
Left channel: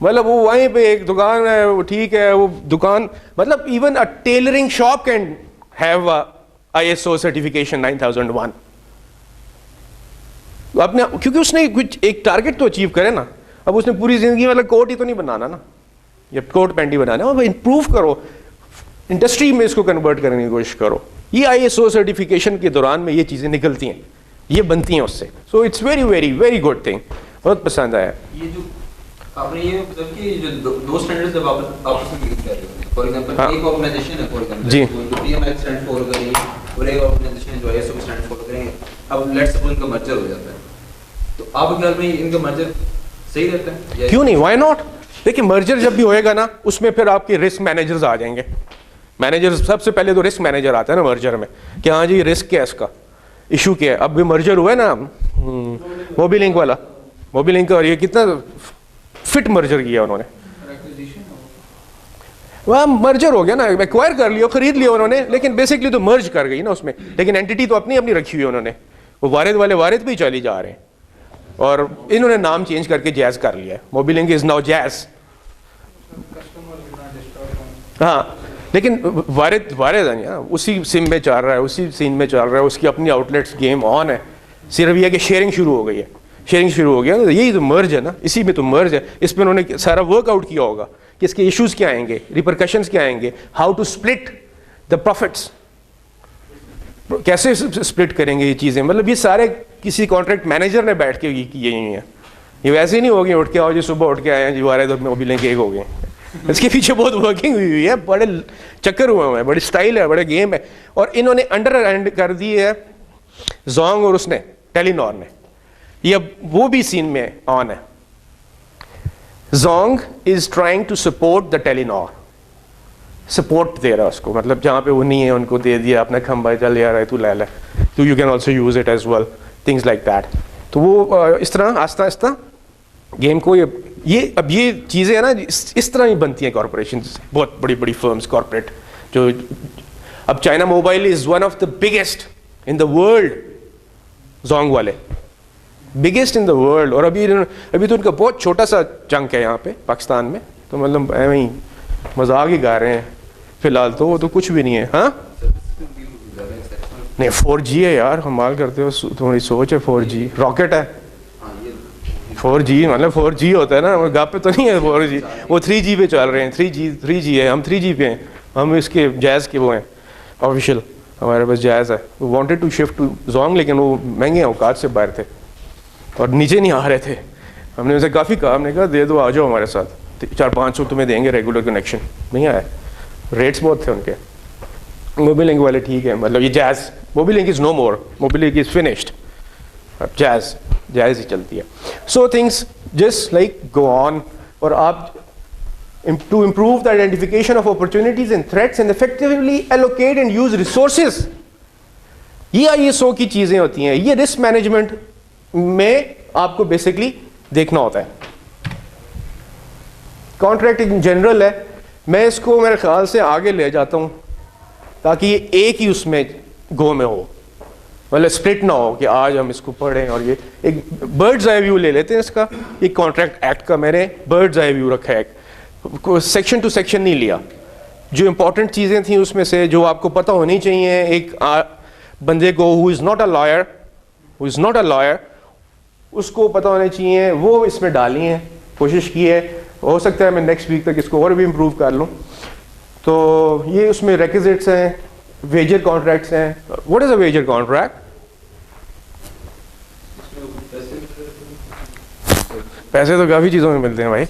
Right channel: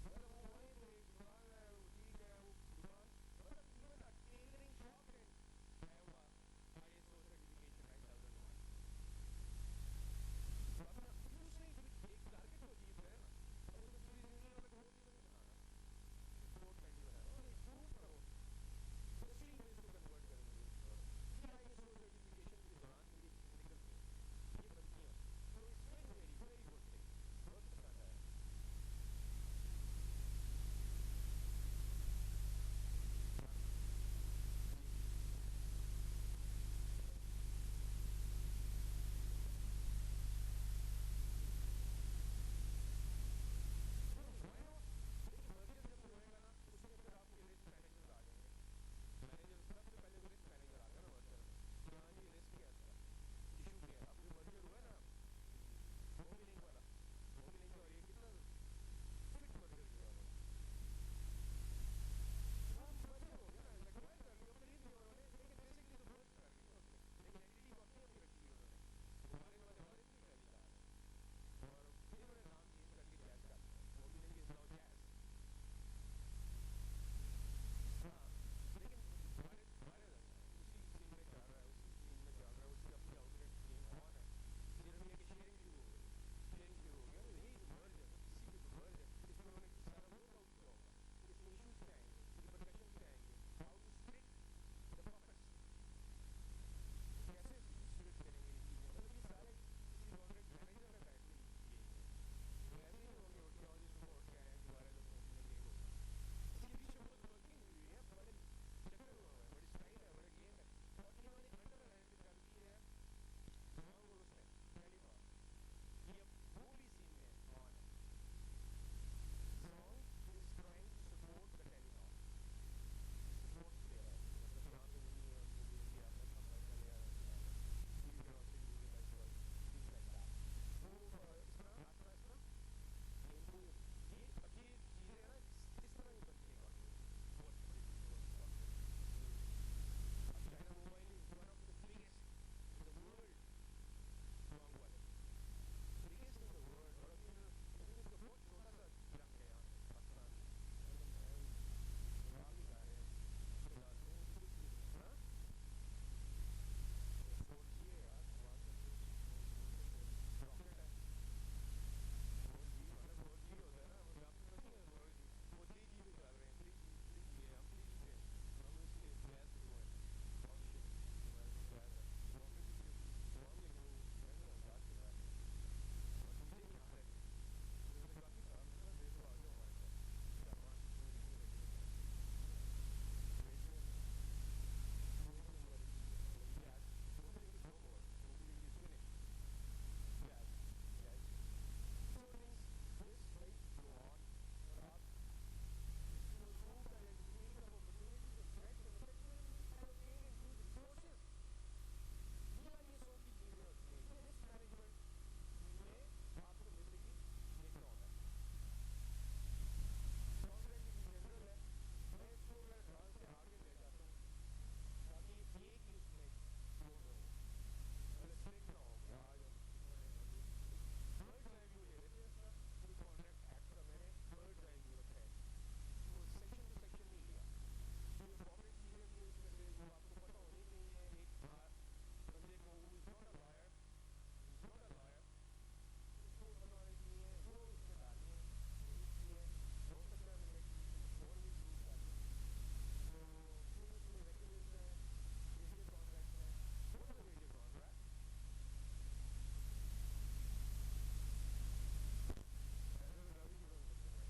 مطلب وہ وہیں پہ ایک دکان ہے, وہ ٹھیک ہے, وہ دکان مطلب even a tailoring shop can have ISO certification 9001. اپنے کیونکہ اس نے کچھ ایک ٹارگیٹ تو اچیو کرے نا. اب اس نے پوری زندگی مطلب کوٹ ہی تو نہیں بنانا نا, یا کوٹ پینٹ ہی بنانا, وہ امپروو کرو, انڈسٹری میں اس کو کنورٹ کرنے کی کوشش کرو. یہ ISO سرٹیفکیشن کے دوران میں یہ چیزیں نکلتی ہیں, یہ بنتی ہیں اس سے. So it's very very very good thing, بہت پسند آیا. یہ جو آپ نے یہ مطلب کہ جو دو سٹینڈرڈز جب آپ آپس میں یوز کر رہے ہو, فار ایگزامپل ایک آرگنائزیشن ہے, فار ایگزامپل جی, جو PMI اسٹینڈ فور کر رہی ہے, اور ایک آرگنائزیشن ہے جو ISO اسٹینڈ فور کر رہی ہے. اب لیٹس سپوز ان کا مرجر ہو جاتا ہے, تو آپ کے خیال میں ان کا مرجر صحیح رہتا ہے؟ کیوں نہیں, وائی ناٹ. دیکھیں مرجر جب بھی ہوئے گا نا, اس میں پھر آپ کے رسک مینیجرز آ جائیں گے. مینیجر سب سے پہلے تو رسک مینیجر آتا ہے نا مرجر میں, کہ ہاں جی رسک کیا ہے, اس کا ایشو کیا ہے. اب بھی مرجر ہوا ہے نا موبی لنک والا, موبی لنک, اور یہ کتنا فٹ مرجر کیا انہوں نے, وہاں مرجر ہو گیا نا, ایکوائر کر لیا, خرید لیا انہوں نے, لیکن بیسکلی تو مرج کر گئی نا اس میں, لیکن اینٹی تو اپنی اپنی رکھی ہوئی انہوں نے. وہ وارد والے وارد پہ ہی چلی جا رہے ہیں, اور انہوں نے نام چینج کر کے جیز کر لیا ہے. موبی لنک از ناؤ جیز. ہاں لیکن وارد ہے نا, اسی سم میں چل رہا ہے, اسی سین میں چل رہا ہے, اس کی اپنی آؤٹ لیٹس گیم آن ہے. صرف یہ کہ شیئرنگ شروع ہو گئی ہے, شیئرنگ شروع ہو گیا. یہی تو مرج ہے نا, اسی میں تو مرج ہے. اس پہ انہوں نے سارا ورک آؤٹ کیا ہوگا کہ اس کے ایشوز کیا آئیں گے, ریپرکشنز کیا آئیں گے, how to split the profits, کیسے اسپلٹ کریں گے یہ چیزیں. مطلب یہ سارے کسی کانٹریکٹ مینیجر نے بیٹھ کے کیے ہوئی ہیں. یہ ویسے ہی نہیں ہوگی اٹھ کے آؤ جی صبح اٹھ کے آئے ہیں جی وارد اور موبی لنک ایک ہو گئے. اس کے پیچھے بہت ورکنگ ہوئی ہے, بڑے چکر ہوئے ہیں, بڑی اسٹائل ہے, بڑے گیم ہے. اور انہوں نے انڈر ہینڈ کر دی ہے زونگ اور اس نے ٹیلی نار نے. یہ اب وہ بھی سین میں آن ہے. Zong is trying to support the Telenor, support دے رہا اس کو, مطلب جہاں پہ وہ نہیں ہے ان کو دے دیا اپنا کھمبا, چل یار ہے تو لے لے, تو you can also use it as well, things like that. تو وہ اس طرح آہستہ آہستہ گیم کو یہ اب یہ چیزیں ہیں نا اس طرح ہی بنتی ہیں کارپوریشنز, بہت بڑی بڑی فرمز کارپوریٹ. جو اب China mobile is one of the biggest in the world, Zong والے بگیسٹ ان دا ورلڈ. اور ابھی تو ان کا بہت چھوٹا سا چنک ہے یہاں پہ پاکستان میں, تو مطلب ایویں ہی مذاق ہی گا رہے ہیں فی الحال. تو وہ تو کچھ بھی نہیں ہے. ہاں نہیں 4G ہے یار, کمال کرتے ہو, تمہاری سوچ ہے. 4G راکٹ ہے. 4G مطلب 4G ہوتا ہے نا, گپ پہ تو نہیں ہے 4G, وہ 3G پہ چل رہے ہیں. 3G ہے, ہم 3G پہ ہیں, ہم اس کے جائز کے وہ ہیں آفیشیل, ہمارے پاس جائز ہے. Wanted to shift to Zong, لیکن وہ مہنگے اوقات سے باہر تھے اور نیچے نہیں آ رہے تھے. ہم نے اسے کافی کہا, ہم نے کہا دے دو, آ جاؤ ہمارے ساتھ, 400-500 تمہیں دیں گے ریگولر کنیکشن. نہیں آئے, ریٹس بہت تھے ان کے. موبی لنک والے ٹھیک ہے, مطلب یہ Jazz, Mobilink is no more, Mobilink is finished, اب جائز ہی چلتی ہے. So things just like go on. اور آپ to improve the identification of opportunities and threats and effectively allocate and use resources, یہ ISO کی چیزیں ہوتی ہیں. یہ رسک مینجمنٹ میں آپ کو بیسکلی دیکھنا ہوتا ہے. کانٹریکٹ ان جنرل ہے, میں اس کو میرے خیال سے آگے لے جاتا ہوں تاکہ یہ ایک ہی اس میں گو میں ہو, مطلب اسپلٹ نہ ہو کہ آج ہم اس کو پڑھیں. اور یہ ایک برڈز آئی ویو لے لیتے ہیں اس کا. یہ کانٹریکٹ ایکٹ کا میں نے برڈز آئی ویو رکھا ہے, سیکشن ٹو سیکشن نہیں لیا. جو امپورٹنٹ چیزیں تھیں اس میں سے جو آپ کو پتہ ہونی چاہیے ایک بندے کو who is not a lawyer, اس کو پتہ ہونے چاہیے, وہ اس میں ڈالی ہیں, کوشش کی ہے. ہو سکتا ہے میں نیکسٹ ویک تک اس کو اور بھی امپروو کر لوں. تو یہ اس میں ریکوزٹس ہیں, ویجر کانٹریکٹس ہیں. What is a wager contract? پیسے تو کافی چیزوں میں ملتے ہیں بھائی.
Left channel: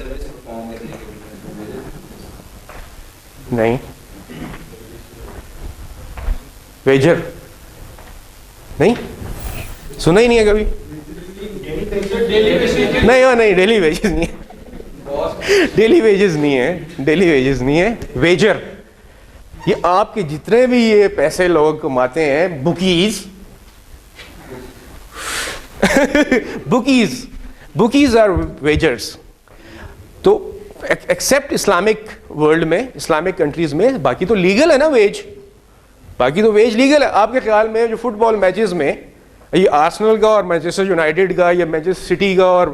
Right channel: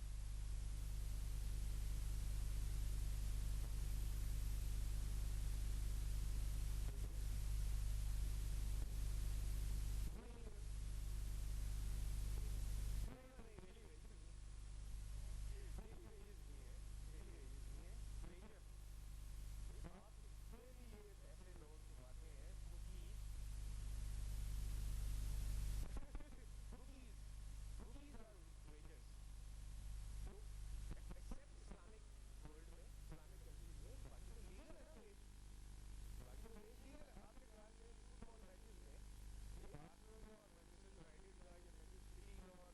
نہیں ویجر نہیں سنا ہی نہیں ہے کبھی. نہیں ڈیلی ویجز نہیں ہے, ڈیلی ویجز نہیں ہے. ویجر یہ آپ کے جتنے بھی یہ پیسے لوگ کماتے ہیں, بکیز آر ویجرز. تو ایکسیپٹ اسلامک ورلڈ میں, اسلامک کنٹریز میں, باقی تو لیگل ہے نا ویج, باقی تو ویج لیگل ہے. آپ کے خیال میں جو فٹ بال میچز میں یہ آرسنل کا اور مانچسٹر یونائٹیڈ کا یا مانچسٹر سٹی کا اور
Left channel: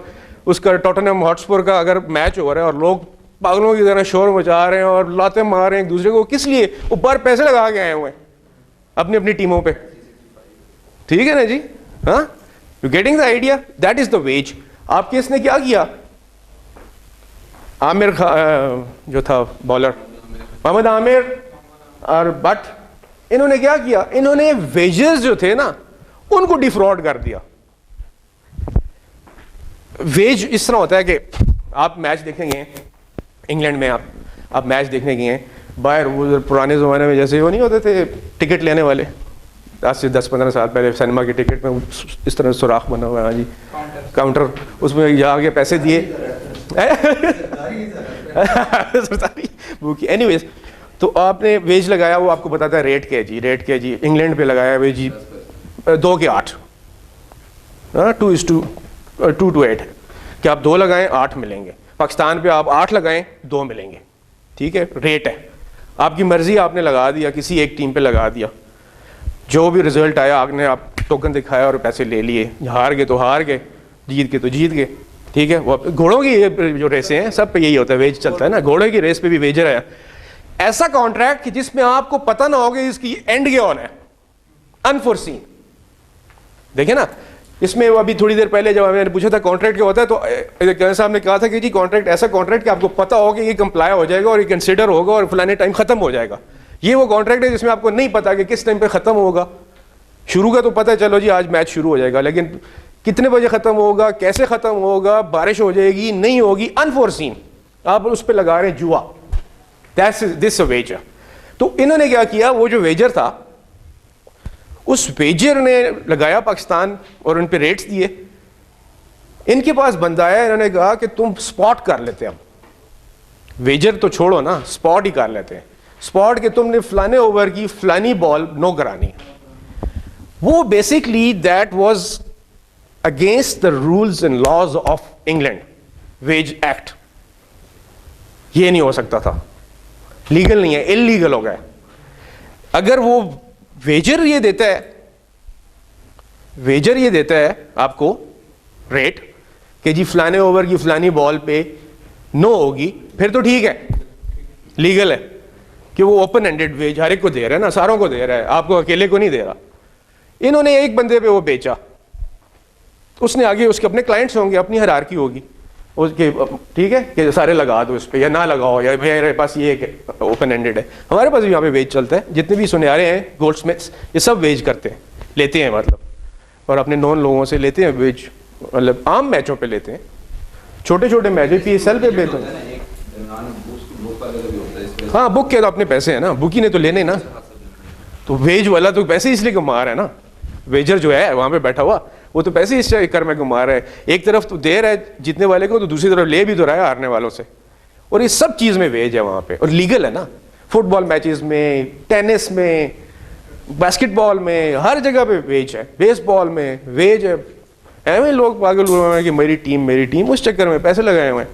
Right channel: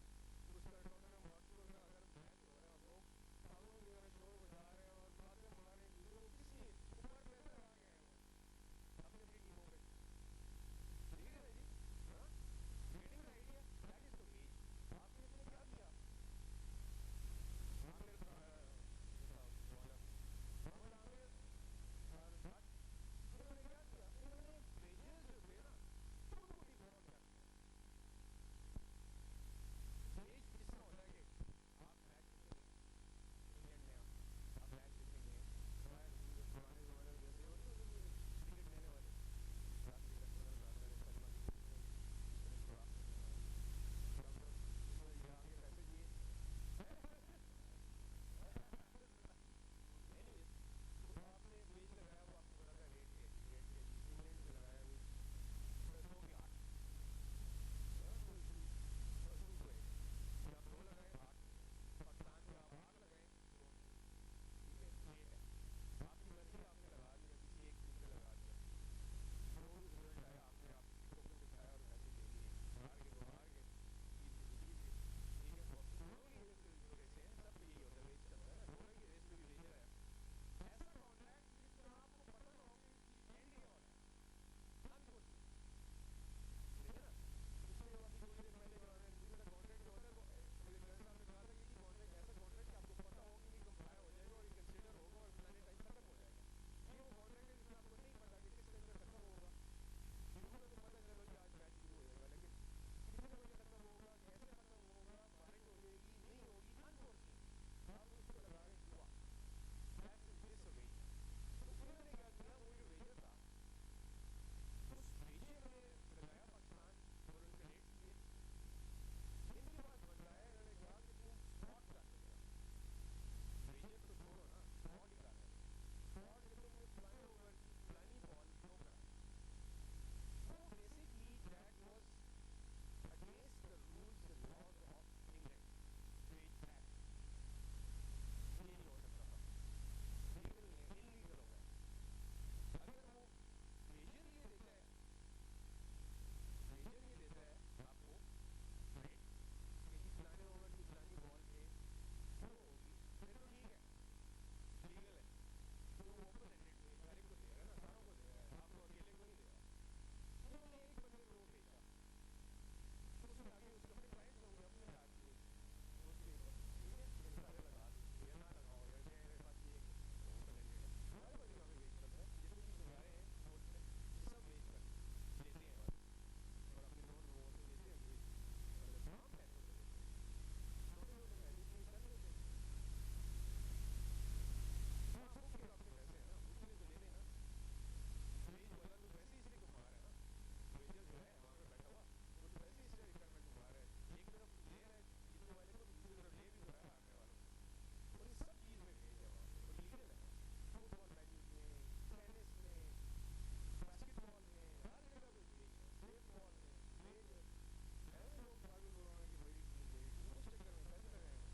اس کا ٹوٹنہم ہاٹسپر کا اگر میچ ہو رہا ہے اور لوگ پاگلوں کی طرح شور مچا رہے ہیں اور لاتے مار رہے ہیں ایک دوسرے کو, کس لیے؟ اوپر پیسے لگا کے آئے ہوئے ہیں اپنی اپنی ٹیموں پہ, ٹھیک ہے نا جی. ہاں, you getting the idea? That is the veg. آپ کے اس نے کیا کیا, عامر جو تھا بالر محمد عامر اور بٹ, انہوں نے کیا کیا, انہوں نے ویجز جو تھے نا ان کو ڈیفراڈ کر دیا. ویج اس طرح ہوتا ہے کہ آپ میچ دیکھنے گئے انگلینڈ میں, آپ میچ دیکھنے گئے ہیں باہر, وہ پرانے زمانے میں جیسے وہ نہیں ہوتے تھے ٹکٹ لینے والے, آج سے 10-15 سال پہلے سنیما کی ٹکٹ میں اس طرح سوراخ بنا ہوا ہے جی, کاؤنٹر, اس میں جا کے پیسے دیے. اینی ویز, تو آپ نے ویج لگایا, وہ آپ کو بتاتا ہے ریٹ کیا جی, ریٹ کیا جی. انگلینڈ پہ لگایا ویج جی 2 کے 8, 2:8 کہ آپ 2 لگائیں 8 ملیں گے. پاکستان پہ آپ 8 لگائیں 2 ملیں گے, ٹھیک ہے, ریٹ ہے آپ کی مرضی, آپ نے لگا دیا کسی ایک ٹیم پہ لگا دیا, جو بھی رزلٹ آیا آپ نے, آپ ٹوکن دکھایا اور پیسے لے لیے, ہار گئے تو ہار گئے, جیت گئے تو جیت گئے, ٹھیک ہے. وہ گھوڑوں کی جو ریسیں ہیں سب پہ یہی ہوتا ہے, ویج چلتا ہے نا, گھوڑے کی ریس پہ بھی ویجر ہے. ایسا کانٹریکٹ کہ جس میں آپ کو پتہ نہ ہوگا اس کی اینڈ کیا ہونا ہے, انفورسین. دیکھیں نا, اس میں ابھی تھوڑی دیر پہلے جب میں نے پوچھا تھا کانٹریکٹ کیا ہوتا ہے, تو صاحب نے کہا تھا کہ جی کانٹریکٹ ایسا کانٹریکٹ کہ آپ کو پتہ ہوگا کہ یہ کمپلائی ہو جائے گا اور یہ کنسیڈر ہوگا اور فلانے ٹائم ختم ہو جائے گا. یہ وہ کانٹریکٹ ہے جس میں آپ کو نہیں پتا کہ کس ٹائم پہ ختم ہوگا. شروع کا تو پتہ ہے, چلو جی آج میچ شروع ہو جائے گا, لیکن کتنے بجے ختم ہوگا, کیسے ختم ہوگا, بارش ہو جائے گی نہیں ہوگی, انفورسین. آپ اس پہ لگا رہے ہیں جوا. دس ویجر. تو انہوں نے کیا کیا, وہ جو ویجر تھا اس ویجر نے لگایا پاکستان اور ان پہ ریٹس دیے. ان کے پاس بندہ آیا, انہوں نے کہا کہ تم سپاٹ کر لیتے, ہم ویجر تو چھوڑو نا, سپاٹ ہی کر لیتے ہیں. سپاٹ کہ تم نے فلانے اوور کی فلانی بال نو کرانی. وہ basically that was against the rules and laws of England, wage act. یہ نہیں ہو سکتا تھا, لیگل نہیں ہے, انلیگل ہو گیا. اگر وہ ویجر یہ دیتا ہے, ویجر یہ دیتا ہے آپ کو ریٹ کہ جی فلانے اوور کی فلانی بال پہ نو ہوگی, پھر تو ٹھیک ہے, لیگل ہے کہ وہ اوپن ہینڈڈ ویج ہر ایک کو دے رہا ہے نا, ساروں کو دے رہا ہے, آپ کو اکیلے کو نہیں دے رہا. انہوں نے ایک بندے پہ وہ بیچا, اس نے آگے اس کے اپنے کلائنٹس ہوں گے, اپنی ہیرارکی ہوگی اس کے, ٹھیک ہے کہ سارے لگا دو اس پہ یا نہ لگاؤ, یا میرے پاس یہ اوپن ہینڈڈ ہے. ہمارے پاس بھی یہاں پہ ویج چلتا ہے, جتنے بھی سنیارے ہیں گولڈ اسمتھس یہ سب ویج کرتے ہیں, لیتے ہیں مطلب, اور اپنے نون لوگوں سے لیتے ہیں ویج, مطلب عام میچوں پہ لیتے ہیں, چھوٹے چھوٹے میچ پی ایس ایل پہ لیتے ہیں. ہاں بک کے تو اپنے پیسے ہیں نا, بک ہی نے تو لینے نا, تو ویج والا تو پیسے اس لیے کما رہا ہے نا, ویجر جو ہے وہاں پہ بیٹھا ہوا وہ تو پیسے اس چکر میں کما رہا ہے. ایک طرف تو دے رہا ہے جیتنے والے کو, تو دوسری طرف لے بھی تو رہا ہے ہارنے والوں سے, اور یہ سب چیز میں ویج ہے وہاں پہ, اور لیگل ہے نا. فٹ بال میچز میں, ٹینس میں, باسکٹ بال میں, ہر جگہ پہ ویج ہے, بیس بال میں ویج ہے. ایویں لوگ پاگل ہوئے ہیں کہ میری ٹیم میری ٹیم, اس چکر میں پیسے لگائے ہوئے ہیں.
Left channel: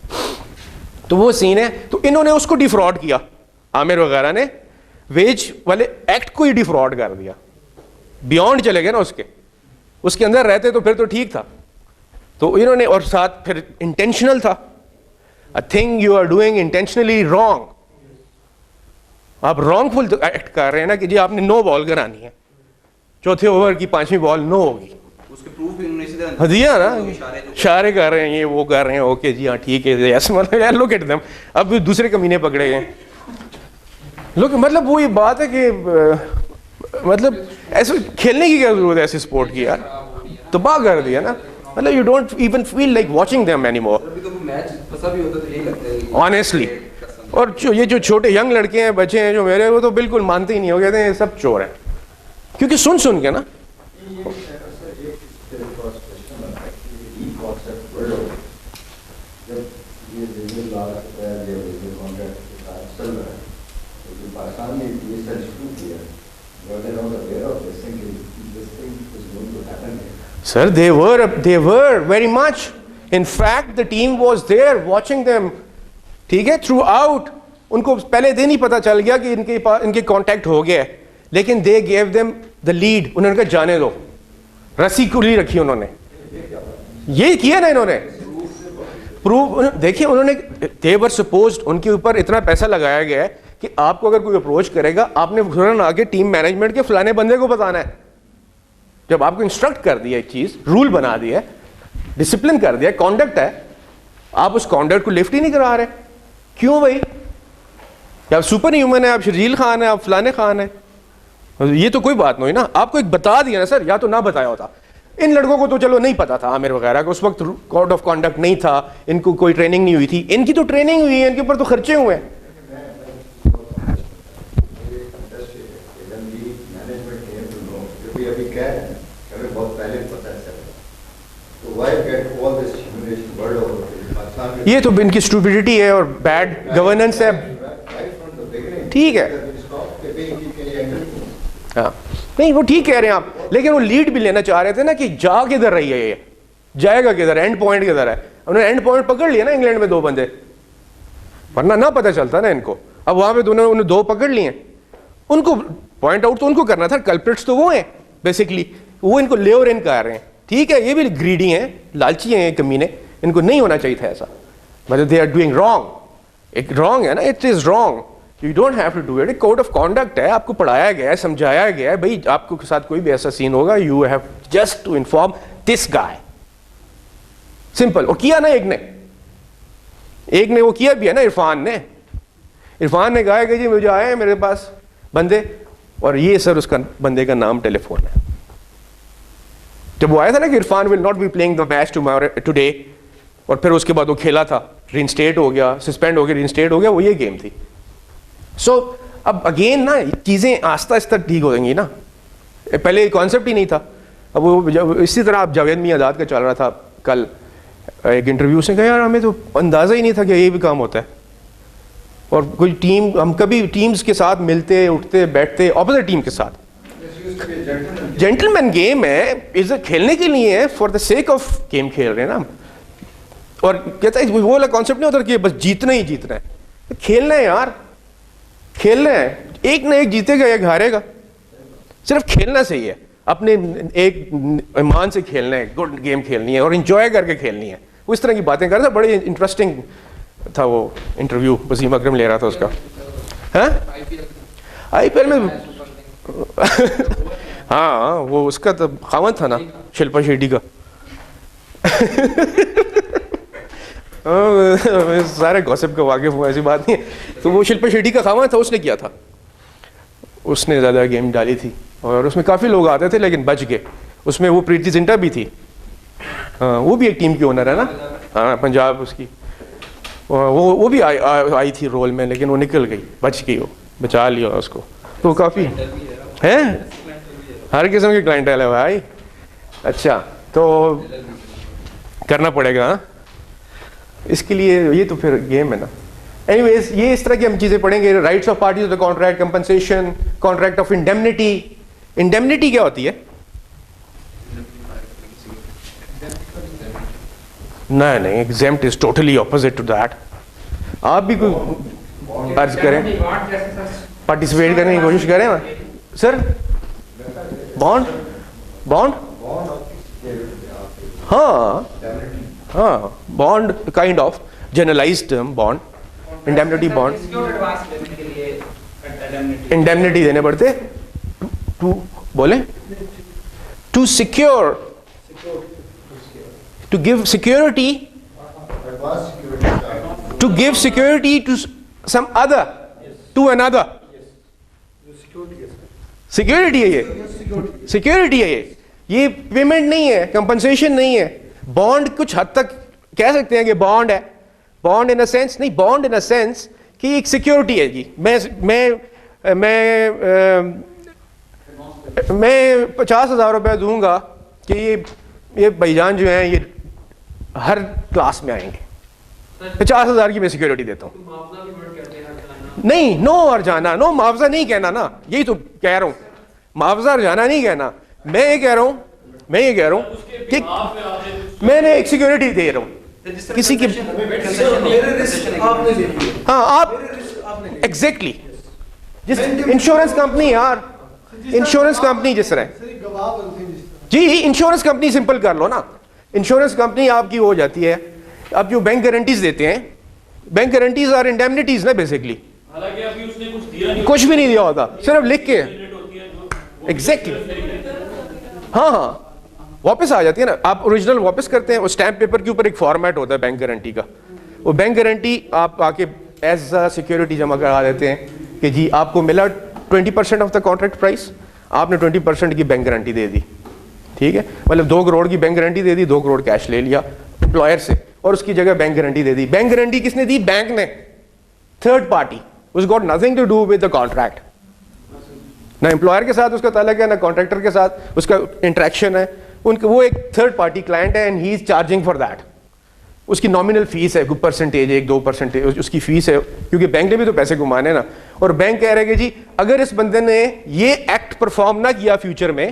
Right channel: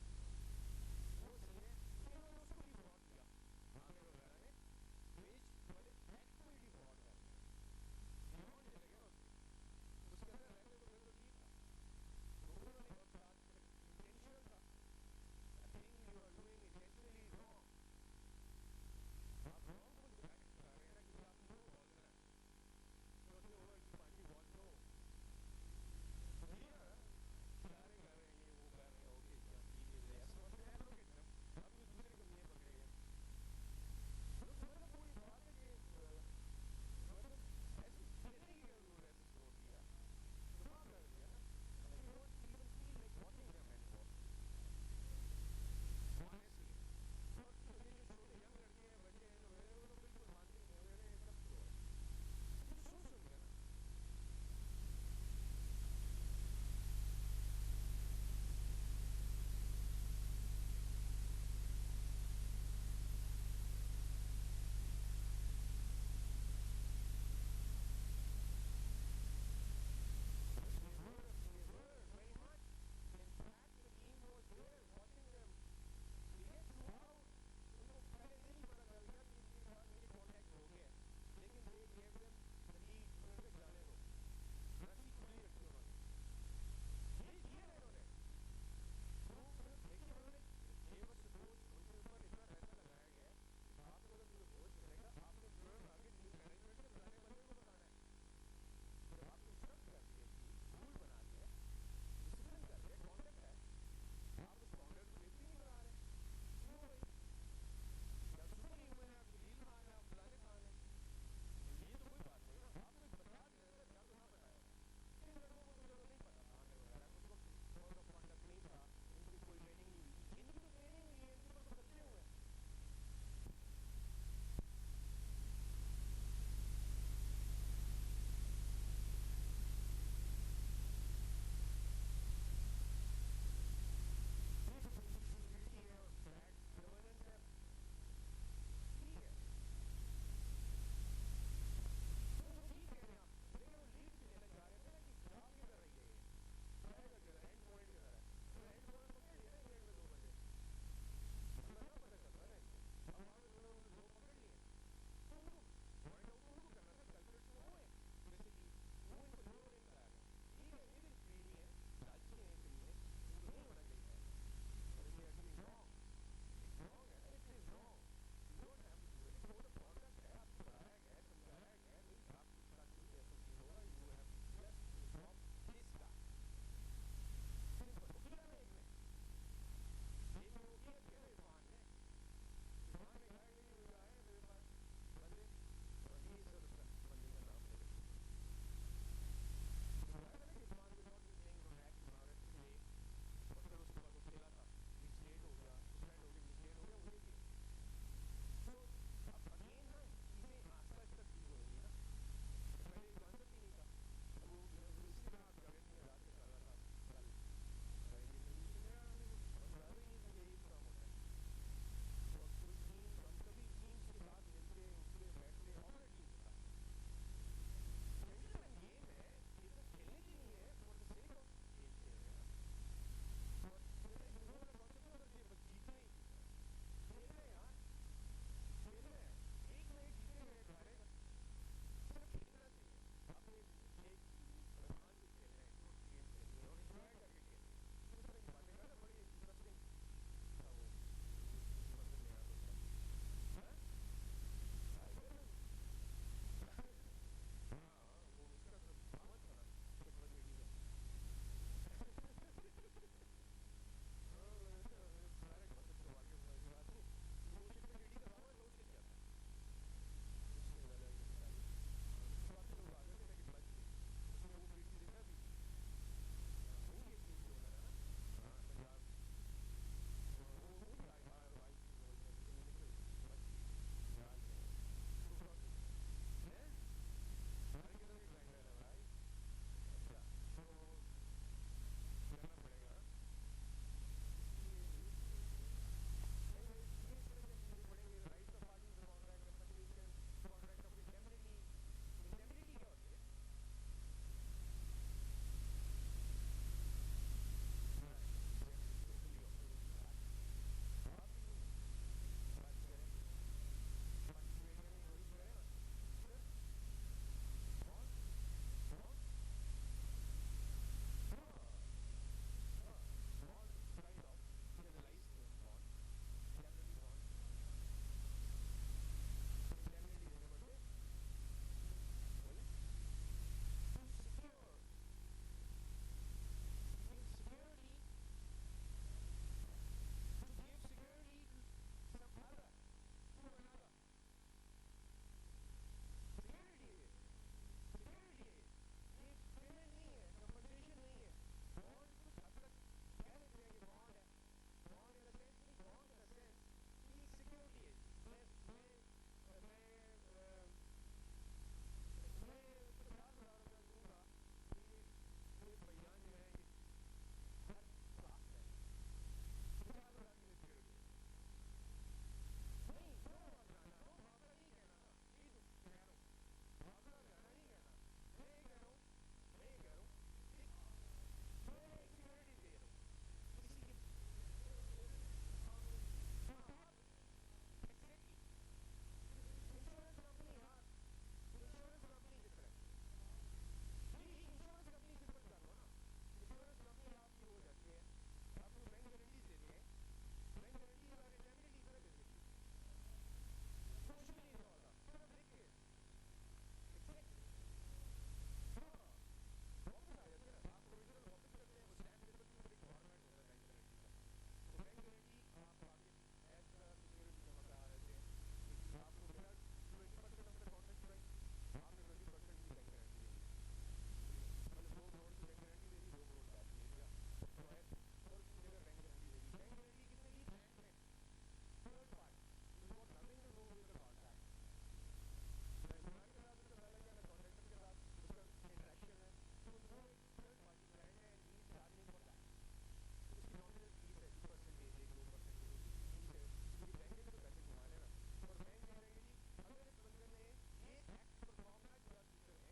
تو وہ سین ہے. تو انہوں نے اس کو ڈیفراڈ کیا, عامر وغیرہ نے ویج والے ایکٹ کو ہی ڈیفراڈ کر دیا, بیونڈ چلے گئے نا اس کے اندر رہتے تو پھر تو ٹھیک تھا. تو انہوں نے, اور ساتھ پھر انٹینشنل تھا, a thing you are doing intentionally wrong. آپ رانگ فل ایکٹ کر رہے ہیں نا کہ جی آپ نے 9 بال کرانی ہے, چوتھے اوور کی 5ویں بال 9 ہوگی, اس کے پروف بھی انہوں نے اسی طرح دیا نا, اشارے کر رہے ہیں, یہ وہ کر رہے ہیں, اوکے جی ہاں ٹھیک ہے, ایسے مطلب لوک ایٹ دیم. اب دوسرے کمینے پکڑے گئے لوگ, مطلب وہ یہ بات ہے کہ مطلب ایسے کھیلنے کی کیا ضرورت ہے ایسی اسپورٹ کی یار, تباہ کر دیا نا. مطلب you don't even feel like watching them any more honestly. اور یہ جو چھوٹے ینگ لڑکے ہیں, بچے ہیں جو میرے, وہ تو بالکل مانتے ہی نہیں, ہو کہتے ہیں سب چور ہیں, کیونکہ سن کے نا. Sir, they were very much. In fact, the team was there watching them. ٹھیک ہے, تھرو آؤٹ. ان کو پہلے دن ہی پتا چل گیا کہ ان کے کانٹیکٹ ہو گیا ہے, لیکن they gave them the lead. انہوں نے کہا جانے دو, رسی کھلی رکھی انہوں نے. یہ کیا نا انہوں نے, پروو دیکھیں انہوں نے دے ور سپوزڈ ان کے اوپر اتنا پیسہ لگایا گیا ہے کہ آپ کو اگر کوئی اپروچ کرے گا آپ نے فوراً آ کے ٹیم مینجمنٹ کے فلانے بندے کو بتانا ہے. جب آپ کو انسٹرکٹ کر دیا ایک چیز, رول بنا دیا ہے, ڈسپلن کر دیا, کانڈکٹ ہے, آپ اس کانڈکٹ کو لفٹ ہی نہیں کرا رہے. کیوں بھائی؟ آپ سپر ہیومن ہے, آپ شرجیل خان ہیں, آپ فلانے خان ہیں, یہ تو کوئی بات نہیں نا. آپ کو ایک بتا دیا نا سر, یا تو نہ بتایا ہوتا. ان لڑکوں کو تو چلو نہیں پتا تھا عامر وغیرہ کو, اس وقت کوڈ آف کانڈکٹ نہیں تھا, ان کو کوئی ٹریننگ نہیں ہوئی تھی. ان کی تو ٹریننگ ہوئی ہے, ان کے اوپر تو خرچے ہوئے ہیں. یہ تو ان کی اسٹوپڈیٹی ہے اور بیڈ گورننس ہے. ٹھیک ہے, ہاں نہیں وہ ٹھیک کہہ رہے ہیں آپ, لیکن وہ لیڈ بھی لینا چاہ رہے تھے نا کہ جا کدھر رہی ہے, یہ جائے گا کدھر, اینڈ پوائنٹ کدھر ہے. انہوں نے اینڈ پوائنٹ پکڑ لیا نا انگلینڈ میں 2 بندے, ورنہ نہ پتہ چلتا نا ان کو. اب وہاں پہ انہوں نے 2 پکڑ لیے, ان کو پوائنٹ آؤٹ تو ان کو کرنا تھا. کلپریٹس تو وہ ہیں بیسکلی, وہ ان کو لے اور ان کر رہے ہیں. ٹھیک ہے, یہ بھی گریڈی ہیں, لالچی ہیں, کمینے, ان کو نہیں ہونا چاہیے تھا ایسا. مطلب دے آر ڈوئنگ رانگ. ایک رانگ ہے نا, it is wrong, you don't have to do it. Code of conduct ہے, آپ کو پڑھایا گیا ہے, سمجھایا گیا ہے, بھائی آپ کے ساتھ کوئی بھی ایسا سین ہوگا, you have just to inform this guy. Simple. اور کیا نا ایک نے وہ کیا بھی ہے نا, عرفان نے کہا کہ جی مجھے آئے ہیں میرے پاس بندے, اور یہ سر اس کا بندے کا نام ٹیلی فون ہے. جب وہ آیا تھا نا کہ Irfan will not be playing the match today, اور پھر اس کے بعد وہ کھیلا تھا, رینسٹیٹ ہو گیا, سسپینڈ ہو گیا, رینسٹیٹ ہو گیا, وہ یہ گیم تھی. سو اب اگین نا چیزیں آہستہ آہستہ ٹھیک ہو جائیں گی نا. پہلے کانسیپٹ ہی نہیں تھا. اب وہ اسی طرح اب جاوید میاں آزاد کا چل رہا تھا کل ایک انٹرویو سے, کہا یار ہمیں تو اندازہ ہی نہیں تھا کہ یہ بھی کام ہوتا ہے. اور کوئی ٹیم, ہم کبھی ٹیمز کے ساتھ ملتے اٹھتے بیٹھتے اپوزٹ ٹیم کے ساتھ. جینٹل مین گیم ہے, از کھیلنے کے لیے ہے, for the sake of game کھیل رہے ہیں نا. اور کہتا ہے وہ والا کانسیپٹ نہیں ہوتا کہ بس جیتنا ہی جیتنا ہے. کھیلنا ہے یار, کھیلنا ہے. ایک نہ ایک جیتے گا, ایک ہارے گا. صرف کھیلنا صحیح ہے, اپنے ایک ایمان سے کھیلنا ہے, گڈ گیم کھیلنی ہے اور انجوائے کر کے کھیلنی ہے. وہ اس طرح کی باتیں کر رہا تھا, بڑی انٹرسٹنگ تھا وہ انٹرویو. وسیم اکرم لے رہا تھا اس کا. ہاں آئی پی ایل میں ہاں وہ اس کا تو خاوند تھا نا, شلپا شیٹی کا. سارے گوسپ کا واقف ہوا, ایسی بات نہیں ہے. تو وہ شلپا شیٹی کا خاوند تھا, اس نے کیا تھا, اس نے زیادہ گیم ڈالی تھی اور اس میں کافی لوگ آتے تھے لیکن بچ گئے. اس میں وہ پریتی زنٹا بھی تھی, وہ بھی ایک ٹیم کی اونر ہے نا, ہاں پنجاب اس کی. وہ بھی آئی تھی رول میں, لیکن وہ نکل گئی, بچ گئی, وہ بچا لیا اس کو. تو کافی ہے, ہر قسم کی کلائنٹیل ہے بھائی. اچھا تو کرنا پڑے گا اس کے لیے, یہ تو پھر گیم ہے نا. اینی ویز یہ اس طرح کی ہم چیزیں پڑھیں گے. Rights of parties of the contract, compensation, contract of indemnity. Indemnity کیا ہوتی ہے؟ نہیں exempt is totally opposite to that. آپ بھی کوئی عرض کریں, پارٹیسپیٹ کرنے کی کوشش کریں سر. بانڈ ہاں bond kind of generalized term, bond, indemnity bond. Indemnity دینے پڑتے ٹو, بولیں, to secure, to give security, to give security to some other, to another. Security ہے یہ, سیکورٹی ہے یہ پیمنٹ نہیں ہے, کمپنسیشن نہیں ہے. بانڈ کچھ حد تک کہہ سکتے ہیں کہ بانڈ ہے, بانڈ ان اے سینس نہیں, بانڈ ان اے سینس کہ ایک سیکورٹی ہے جی. میں 50,000 روپے دوں گا کہ یہ بھائی جان جو ہیں یہ ہر کلاس میں آئیں گے, 50,000 کی میں سیکورٹی دیتا ہوں. نہیں, نو اور جانا, نو معاوضہ نہیں کہنا نا, یہی تو کہہ رہا ہوں, معاوضہ اور جانا نہیں کہنا. میں یہ کہہ رہا ہوں کہ میں نے ایک سیکورٹی دے رہا ہوں کسی کی. ہاں آپ ایگزیکٹلی, جس انشورنس کمپنی, یار انشورنس کمپنی جس طرح, جی انشورنس کمپنی سمپل کر لو نا. انشورنس کمپنی آپ کی ہو جاتی ہے اب جو بینک گارنٹیز دیتے ہیں, بینک گارنٹیز آر انڈیمنیٹیز نا بیسکلی, حالانکہ ابھی اس نے کچھ دیا نہیں, کچھ بھی نہیں دیا ہوتا, صرف لکھ کے ہوتی ہے جو ایگزیکٹلی. ہاں واپس آ جاتی ہے نا, آپ اوریجنل واپس کرتے ہیں, وہ اسٹیمپ پیپر کے اوپر ایک فارمیٹ ہوتا ہے بینک گارنٹی کا, وہ بینک گارنٹی آپ آ کے ایز اے سیکورٹی جمع کرا دیتے ہیں کہ جی آپ کو ملا 20% آف دا کانٹریکٹ پرائس, آپ نے 20% کی بینک گارنٹی دے دی, ٹھیک ہے, مطلب 2 کروڑ کی بینک گارنٹی دے دی, 2 کروڑ کیش لے لیا امپلائر سے اور اس کی جگہ بینک گارنٹی دے دی. بینک گارنٹی کس نے دی؟ بینک نے, تھرڈ پارٹی, اس got nothing to do with the contract, نہ امپلائر کے ساتھ اس کا تعلق ہے, نہ کانٹریکٹر کے ساتھ اس کا انٹریکشن ہے, ان کا وہ ایک تھرڈ پارٹی کلائنٹ ہے and he is charging for that. اس کی نامنل فیس ہے, 1% 2% اس کی فیس ہے, کیونکہ بینک نے بھی تو پیسے گھمانے نا, اور بینک کہہ رہے کہ جی اگر اس بندے نے یہ ایکٹ پرفارم نہ کیا فیوچر میں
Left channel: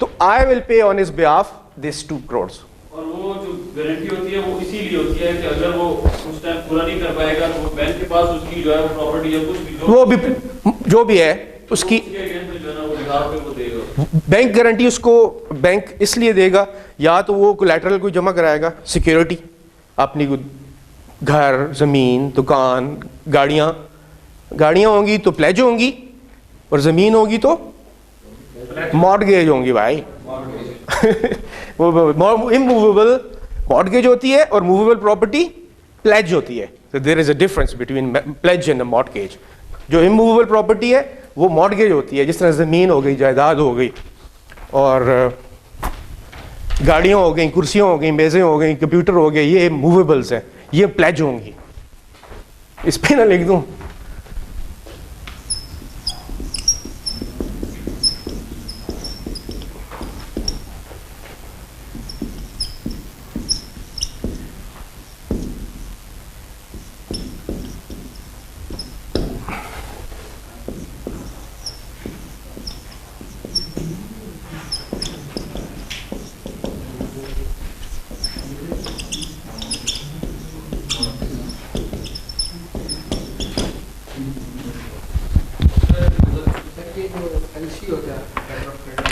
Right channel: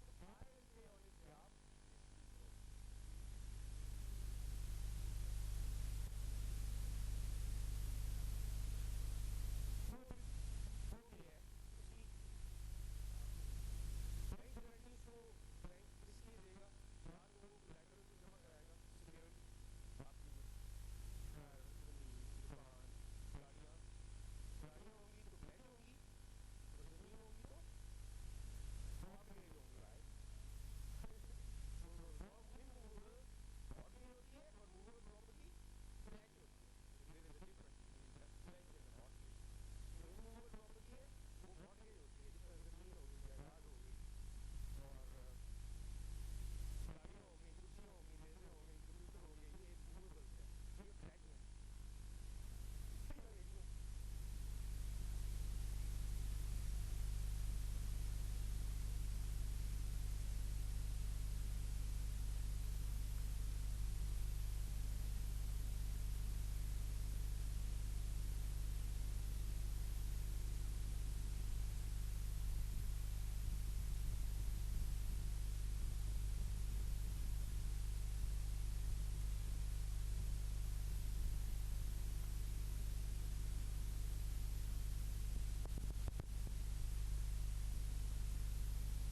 تو I will pay on his behalf this 2 crores. اور وہ جو گارنٹی ہوتی ہے وہ اسی لیے ہوتی ہے کہ اگر وہ اس ٹائم پورا نہیں کر پائے گا تو بینک کے پاس اس کی جو ہے وہ پراپرٹی یا کچھ بھی وہ بھی جو بھی ہے اس کی جو ہے نا وہ بہار پہ وہ دے گا. بینک گارنٹی اس کو بینک اس لیے دے گا, یا تو وہ کولیٹرل کو جمع کرائے گا, سیکیورٹی اپنی گھر, زمین, دکان, گاڑیاں ہوں گی تو پلیج ہوں گی, اور زمین ہوگی تو مارٹگیج ہوں گی بھائی. اموویبل مارٹگیج ہوتی ہے اور موویبل پراپرٹی پلیج ہوتی ہے. There is a difference between pledge and mortgage. جو اموویبل پراپرٹی ہے وہ مارٹگیج ہوتی ہے, جس طرح زمین ہو گئی, جائیداد ہو گئی, اور گاڑیاں ہو گئیں, کرسیاں ہو گئیں, میزیں ہو گئیں, کمپیوٹر ہو گئے, یہ موویبلس ہیں, یہ پلیج ہوں گی. اس پہ نہ لکھ دوں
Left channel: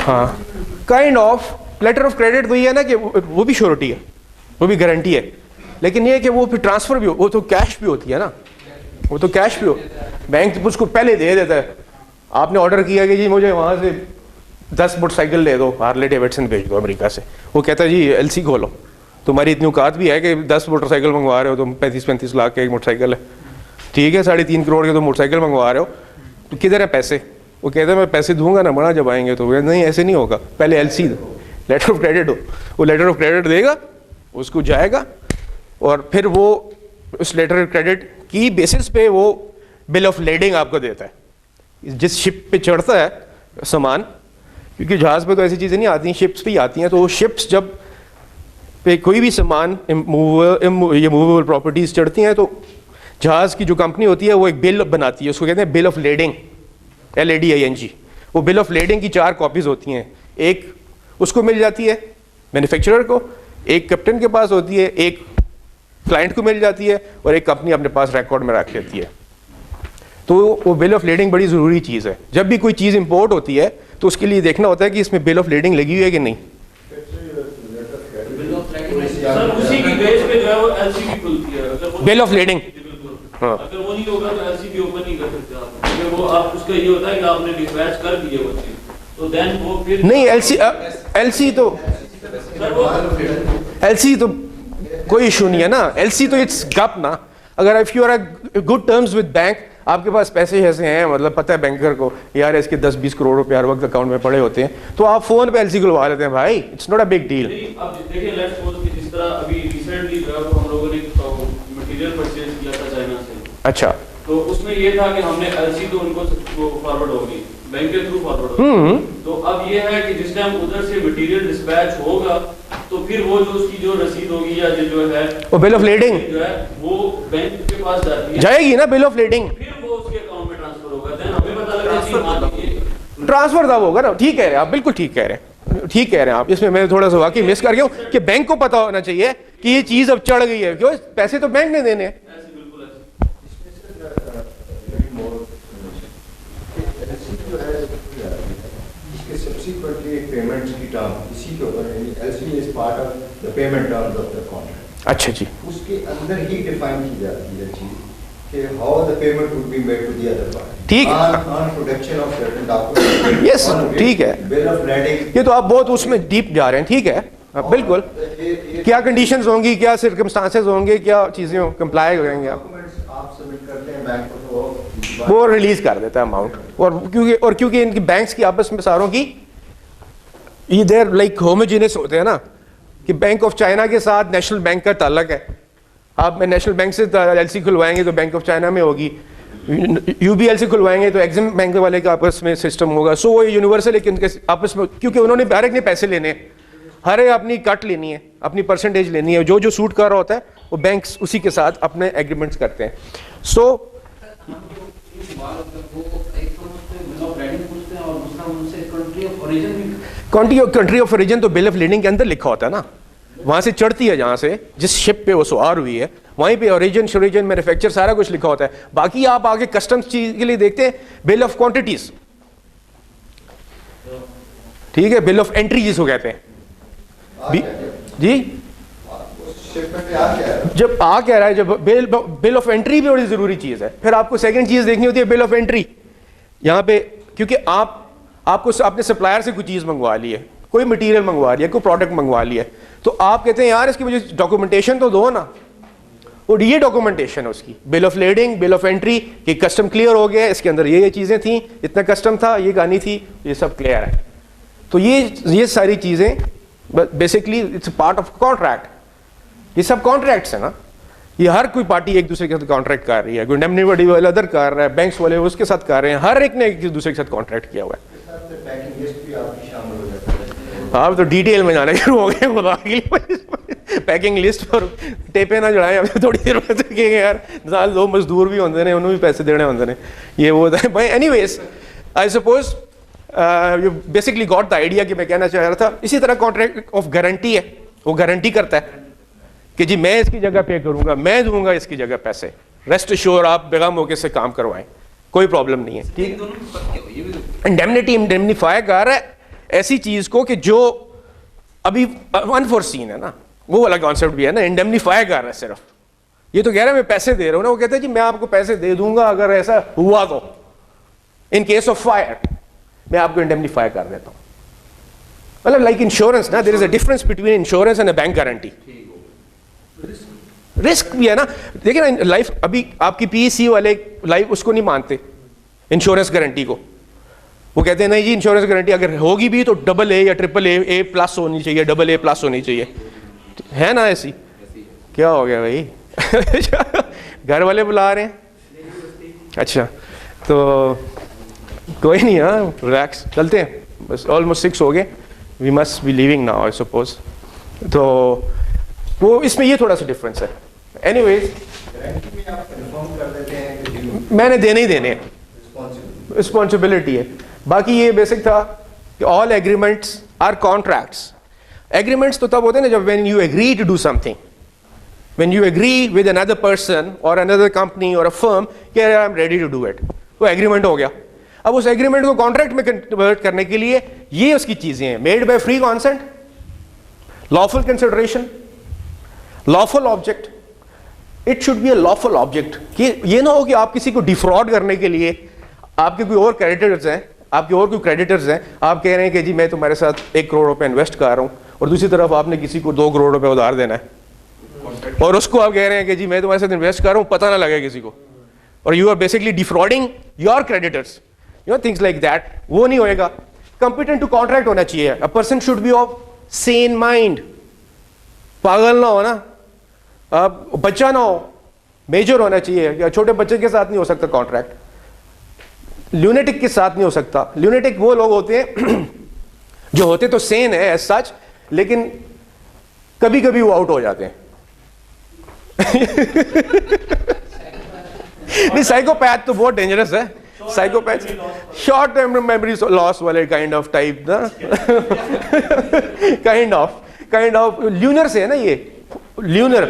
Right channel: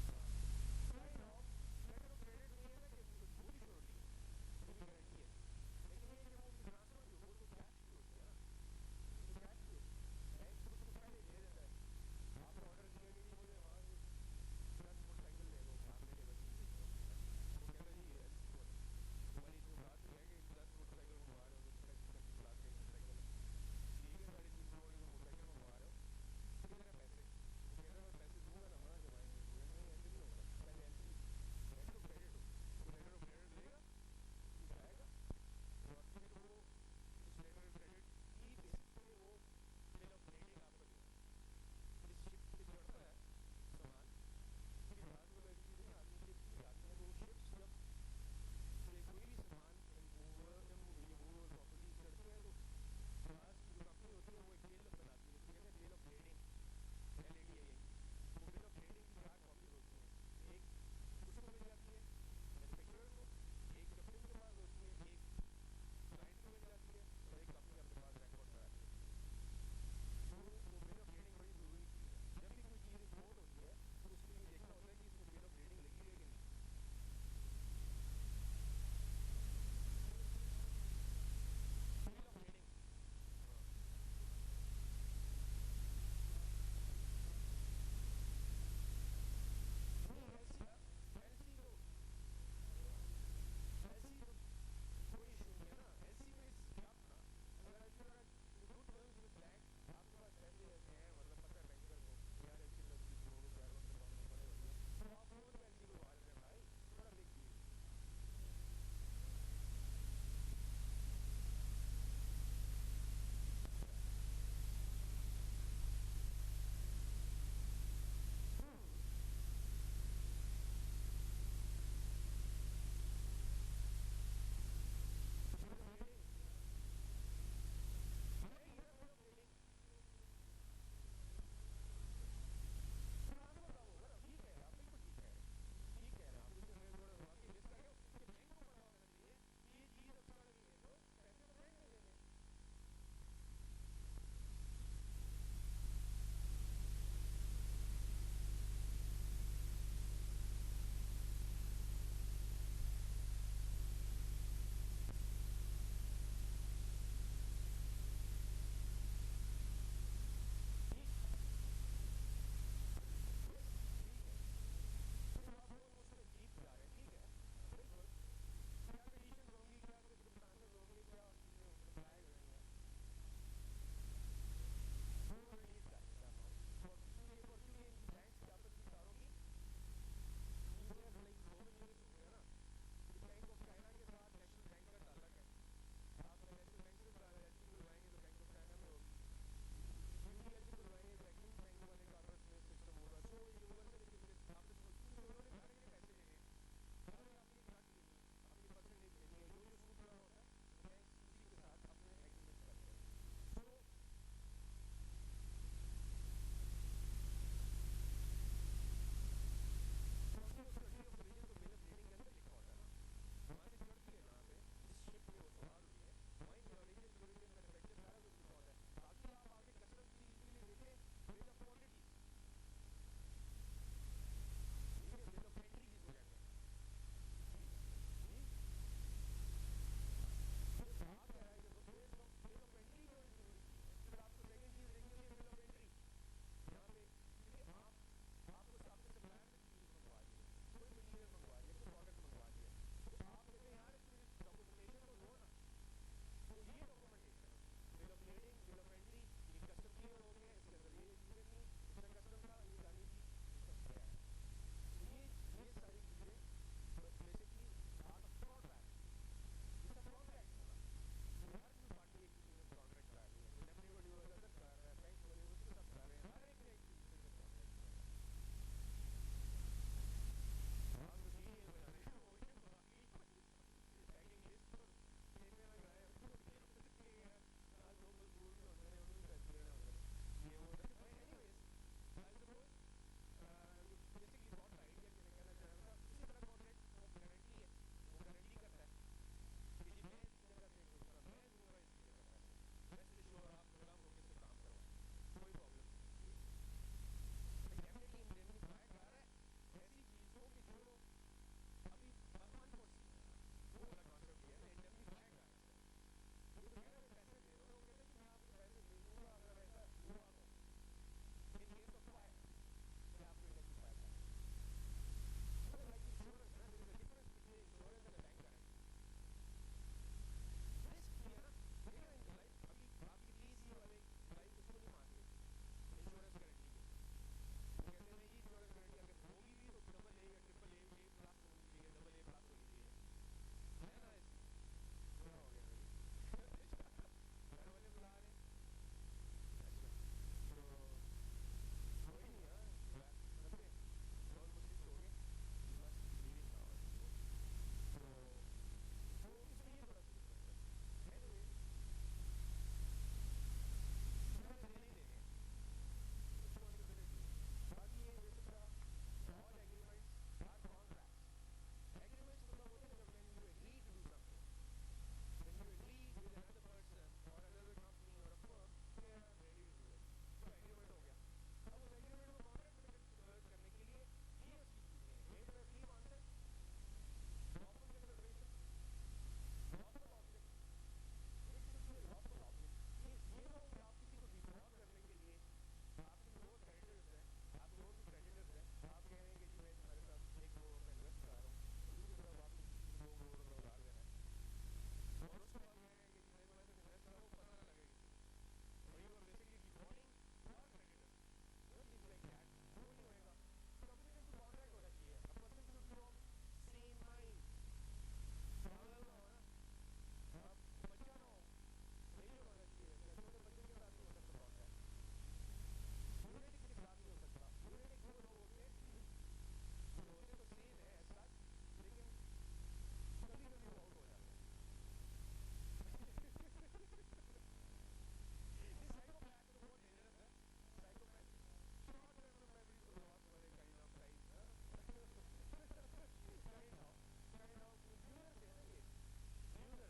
ہاں kind of letter of credit وہی ہے نا کہ وہ بھی شیورٹی ہے, وہ بھی گارنٹی ہے, لیکن یہ کہ وہ پھر ٹرانسفر بھی وہ تو کیش بھی ہوتی ہے نا, وہ تو کیش بھی ہو, بینک اس کو پہلے دے دیتا ہے. آپ نے آرڈر کیا کہ جی مجھے وہاں سے 10 موٹر سائیکل دے دو, ہارلے ڈیوڈسن بھیج دو امریکہ سے, وہ کہتا ہے جی ایل سی کھولو, تمہاری اتنی اوقات بھی ہے کہ 10 موٹر سائیکل منگوا رہے ہو, تم 35 لاکھ کے ایک موٹر سائیکل ہے, ٹھیک ہے, 3.5 کروڑ کے تم موٹر سائیکل منگوا رہے ہو, تو کدھر ہیں پیسے؟ وہ کہتے ہیں میں پیسے دوں گا نا بڑا جب آئیں گے, تو نہیں ایسے نہیں ہوگا, پہلے ایل سی دو, لیٹر آف کریڈٹ ہو, وہ لیٹر آف کریڈٹ دے گا, اس کو جائے گا, اور پھر وہ اس لیٹر آف کریڈٹ کی بیسس پہ وہ بل آف لیڈنگ آپ کو دیتا ہے. جس شپ پہ چڑھتا ہے سامان, کیونکہ جہاز پہ تو ایسی چیزیں نہیں آتی ہیں, شپس پہ ہی آتی ہیں, تو وہ شپس جب پہ کوئی بھی سامان یہ موویبل پراپرٹیز چڑھتی ہیں تو جہاز کی جو کمپنی ہوتی ہے وہ ایک بل بناتی ہے, اس کو کہتے ہیں بل آف لیڈنگ, LADING. وہ بل آف لیڈنگ کی 4 کاپیز ہوتی ہیں, ایک اس کو مل جاتی ہے مینوفیکچرر کو, ایک کیپٹن کے پاس ہوتی ہے, ایک کلائنٹ کو مل جاتی ہے, اور ایک کمپنی اپنے پاس ریکارڈ میں رکھ لیتی ہے. تو وہ بل آف لیڈنگ بڑی ضروری چیز ہے. جب بھی کوئی چیز امپورٹ ہوتی ہے تو اس کے لیے دیکھنا ہوتا ہے کہ اس میں بل آف لیڈنگ لگی ہوئی ہے کہ نہیں. سر اسی کی بیس پہ جو ہے وہ ایل سی بھی کھلتی ہے, بل آف لیڈنگ, ہاں اگر وہ نہیں ہوگا تو ایل سی بھی اوپن نہیں کر سکتے آپ, کیونکہ وہ آپ اس کا یہ ہوتا ہے کہ آپ نے ڈسپیچ کر دیے وہ چیز, تو دین وہ پھر نہیں ایل سی تو کوئی ایشو نہیں ہے نا. ایل سی تو اٹس گپ نا. اگر if you are good terms with bank, آپ کے پاس پیسے ایسے ہیں, مطلب پتہ ہے بینکر کو یار اس کے 10-20 کروڑ روپے ہر وقت اکاؤنٹ میں پڑے ہوتے ہیں, تو آپ فون پہ ایل سی کھلوا لیتے ہیں بھائی, it's not a big deal. اب دیکھیں لیٹس سپوز کہ جس طرح ابھی ریسنٹلی جو ہے ہم لوگوں نے مٹیریل پرچیز کیا تھا چائنا سے, اچھا, تو اس میں یہ تھا کہ ہم نے ایل سی تو ان کو فارورڈ ہوگی, بینک کے تھرو فارورڈ ہوگی. تو اب یہ ہے کہ جس ٹائم ادھر سے مٹیریل ڈسپیچ ہوگا تو پھر وہ جو اس کی جو رسید ہوگی یا جو ہے وہ بل آف لیڈنگ جو ہے وہ بینک کے پاس جاتی ہے, جائے گی نا, بل آف لیڈنگ پھر وہ اس کے اکاؤنٹ میں ٹرانسفر ہوگا, دین ہمیں پتہ لگے کہ ٹرانسفر تھا ہوگا نا. ٹھیک کہہ رہے ہیں آپ, بالکل ٹھیک کہہ رہے ہیں, ٹھیک کہہ رہے ہیں آپ. اس میں میں تھوڑا سا واقعی مس کر گیا ہوں کہ بینک کو پتا ہونا چاہیے کہ یہ چیز اب چڑھ گئی ہے, کیوں پیسے تو بینک نے دینے ہیں. اچھا جی, اس کے اندر ہی ڈیفائن کی جاتی ہے چیز کہ how the payment would be made to the other party. ٹھیک ہے. On production of certain document. Yes ٹھیک ہے. Bill of landing. یہ تو آپ بہت اس میں ڈیپ جا رہے ہیں. ٹھیک ہے بالکل. کیا کنڈیشنز ہوں گی, کیا سرکمسٹانسز ہوں گے, کیا چیزیں کمپلائی کریں گے آپ, آپ سبمٹ کرتے ہیں بینک کو تو وہ ریلیز کر دیتا ہے اماؤنٹ. اور کیونکہ ان کی بینکس کی آپس میں ساروں کی یہ دیر لائک ہوموجینس ہوتے ہیں نا, کہ بینک آف چائنا کے ساتھ نیشنل بینک کا تعلق ہے. آپ نیشنل بینک سے ایل سی کھلوائیں گے تو بینک آف چائنا میں ہوگی, یو بی ایل سے کھلوائیں گے تو ایگزم بینک والے کا آپس میں سسٹم ہوگا. سو وہ یونیورسل ہے کہ ان کے آپس میں, کیونکہ انہوں نے ہر ایک نے پیسے لینے ہیں, ہر ایک اپنی کٹ لینی ہے, اپنی پرسنٹیج لینی ہے, جو سوٹ کر رہا ہوتا ہے وہ بینکس اسی کے ساتھ اپنے ایگریمنٹس کرتے ہیں. سو کنٹری آف اوریجن تو بل آف لینڈنگ کے اندر لکھا ہوتا ہے نا, وہاں سے چڑھتی ہے جہاں سے جس شپ پہ وہ سوار ہوئی ہے وہیں پہ اوریجن شوریجن مینوفیکچر سارا کچھ لکھا ہوتا ہے. باقی آپ آگے کسٹمز چیز کے لیے دیکھتے ہیں بل آف کوانٹیٹیز. ٹھیک ہے, بل آف انٹری جس کو کہتے ہیں جی. جب آ کہہ رہا ہے, جب بل آف انٹری بھی بڑی ضروری چیز ہے. پھر آپ کو سیکنڈ چیز دیکھنی ہوتی ہے بل آف انٹری. یہاں پہ کیونکہ آپ کو اپنے سپلائر سے کوئی چیز منگوا لی ہے, کوئی مٹیریل منگوا لیا, کوئی پروڈکٹ منگوا لیا ہے, تو آپ کہتے ہیں یار اس کی مجھے ڈاکومنٹیشن تو دو نا. اور یہ ڈاکومنٹیشن ہے اس کی, bill of leading, bill of entry, کہ کسٹم کلیئر ہو گیا, اس کے اندر یہ چیزیں تھیں, اتنا کسٹم تھا, یہ گانی تھی, یہ سب کلیئر ہے. تو یہ ساری چیزیں basically it's a part of contract. یہ سب کانٹریکٹس ہیں نا, یہ ہر کوئی پارٹی ایک دوسرے کے ساتھ کانٹریکٹ کر رہی ہے. کوئی انڈیمنٹی والا ادھر کر رہا ہے, بینکس والے اس کے ساتھ کر رہے ہیں, ہر ایک نے ایک دوسرے کے ساتھ کانٹریکٹ کیا ہوا ہے. آپ تو ڈیٹیل میں جانا شروع ہو گئے خدا کے لیے. پیکنگ لسٹ پر ٹیپے نہ چڑھائیں, اب تھوڑی دیر میں دیکھیں گے یار سال دو مزدور بھی ہوتے ہیں, انہوں بھی پیسے دینے ہوتے ہیں, یہ وہ ہوتا ہے. Anyways I suppose you basically got the idea کہ میں کہنا چاہ رہا تھا. اسی طرح کانٹریکٹ آف گارنٹی ہے, وہ گارنٹی کرتا ہے کہ جی میں اس کی جگہ پے کروں گا, میں دوں گا اس کی جگہ پیسے, ریسٹ ایشور آپ بغیر موقع سے کام کروائیں, کوئی پرابلم نہیں ہے. ٹھیک, انڈیمنیٹی انڈیمنیفائی کر رہا ہے ایسی چیز کو کہ جو ابھی انفورسین ہے نا, وہ والا کانسیپٹ بھی ہے نا. انڈیمنیفائی کر رہا ہے صرف, یہ تو کہہ رہا ہے میں پیسے دے رہا ہوں نا, وہ کہتا ہے جی میں آپ کو پیسے دے دوں گا اگر ایسا ہوا تو, ان کیس آف فائر میں آپ کو انڈیمنیفائی کر دیتا ہوں. مطلب لائک انشورنس نا, there is a difference between insurance and a bank guarantee. Risk بھی ہے نا. دیکھیں نا لائف, ابھی آپ کی پی سی والے لائف اس کو نہیں مانتے انشورنس گارنٹی کو. وہ کہتے ہیں نہیں جی انشورنس گارنٹی اگر ہوگی بھی تو ڈبل اے یا ٹرپل اے, اے پلس ہونی چاہیے, ڈبل اے پلس ہونی چاہیے, ہے نا ایسی. کیا ہو گیا بھائی, گھر والے بلا رہے ہیں. اچھا تو کوئی نہیں, ہاں ریلیکس, چلتے ہیں, بس آلموسٹ 6 ہو گئے, we must be leaving now I suppose. تو وہ اس میں یہ تھوڑا سا ڈفرینس ہے. اینی ویز میں نے دینے ہی دینے, رسپانسبلٹی ہے. باقی یہ بیسک تھا کہ all agreements are contracts. Agreements تو تب ہوتے ہیں نا جب when you agree to do something, when you agree with another person اور اندر کمپنی اور اے فرم کہ I am ready to do it, وہ ایگریمنٹ ہو گیا. اب اس ایگریمنٹ کو کانٹریکٹ میں کنورٹ کرنے کے لیے یہ اس کی چیزیں ہیں, made by free consent, lawful consideration, lawful object. It should be a lawful object. کہ یہ نہ ہو کہ آپ کسی کو ڈیفراڈ کرنے کے لیے آپ کے کوئی اور کریڈیٹرز ہیں, آپ کے اور کوئی کریڈیٹرز ہیں, آپ کہہ رہے ہیں کہ جی میں تمہارے ساتھ 1 کروڑ روپے انویسٹ کر رہا ہوں, اور دوسری طرف آپ نے کسی کو 2 کروڑ روپے ادھار دینا ہے, اور اس کو آپ کہہ رہے ہیں کہ جی میں تمہارے ساتھ انویسٹ کر رہا ہوں, پتہ نہ لگے کسی کو, اور you are basically defrauding your creditors, you know things like that. وہ نہیں ہوئے گا. کمپیٹنٹ ٹو کانٹریکٹ ہونا چاہیے. A person should be of sane mind, پاگل نہ ہو نا, آپ بچہ نہ ہو, میجر ہونا چاہیے. یا چھوٹے بچے کے ساتھ نہیں ہو سکتا کانٹریکٹ, لونیٹک کے ساتھ نہیں ہو سکتا. لونیٹک وہ لوگ ہوتے ہیں جو ہوتے تو سین ہے ایز سچ, لیکن کبھی کبھی وہ آؤٹ ہو جاتے ہیں. نہیں سائیکوپیتھ تو بہت ڈینجرس ہے. Psychopath short term memory loss والے کائنڈ آف ٹائپ نا, کائنڈ آف لیونر سے ہے نا, یہ لیونر,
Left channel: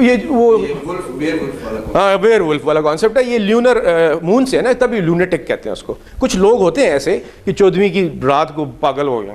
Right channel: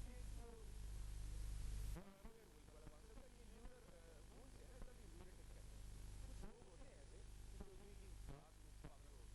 یہ وہ ہاں ویئر ولف والا کانسیپٹ ہے. یہ لیونر مون سے ہے نا, تبھی لونیٹک کہتے ہیں اس کو. کچھ لوگ ہوتے ہیں ایسے کہ 14ویں کی رات کو پاگل ہو گئے.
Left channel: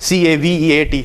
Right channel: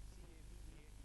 CAVEAT।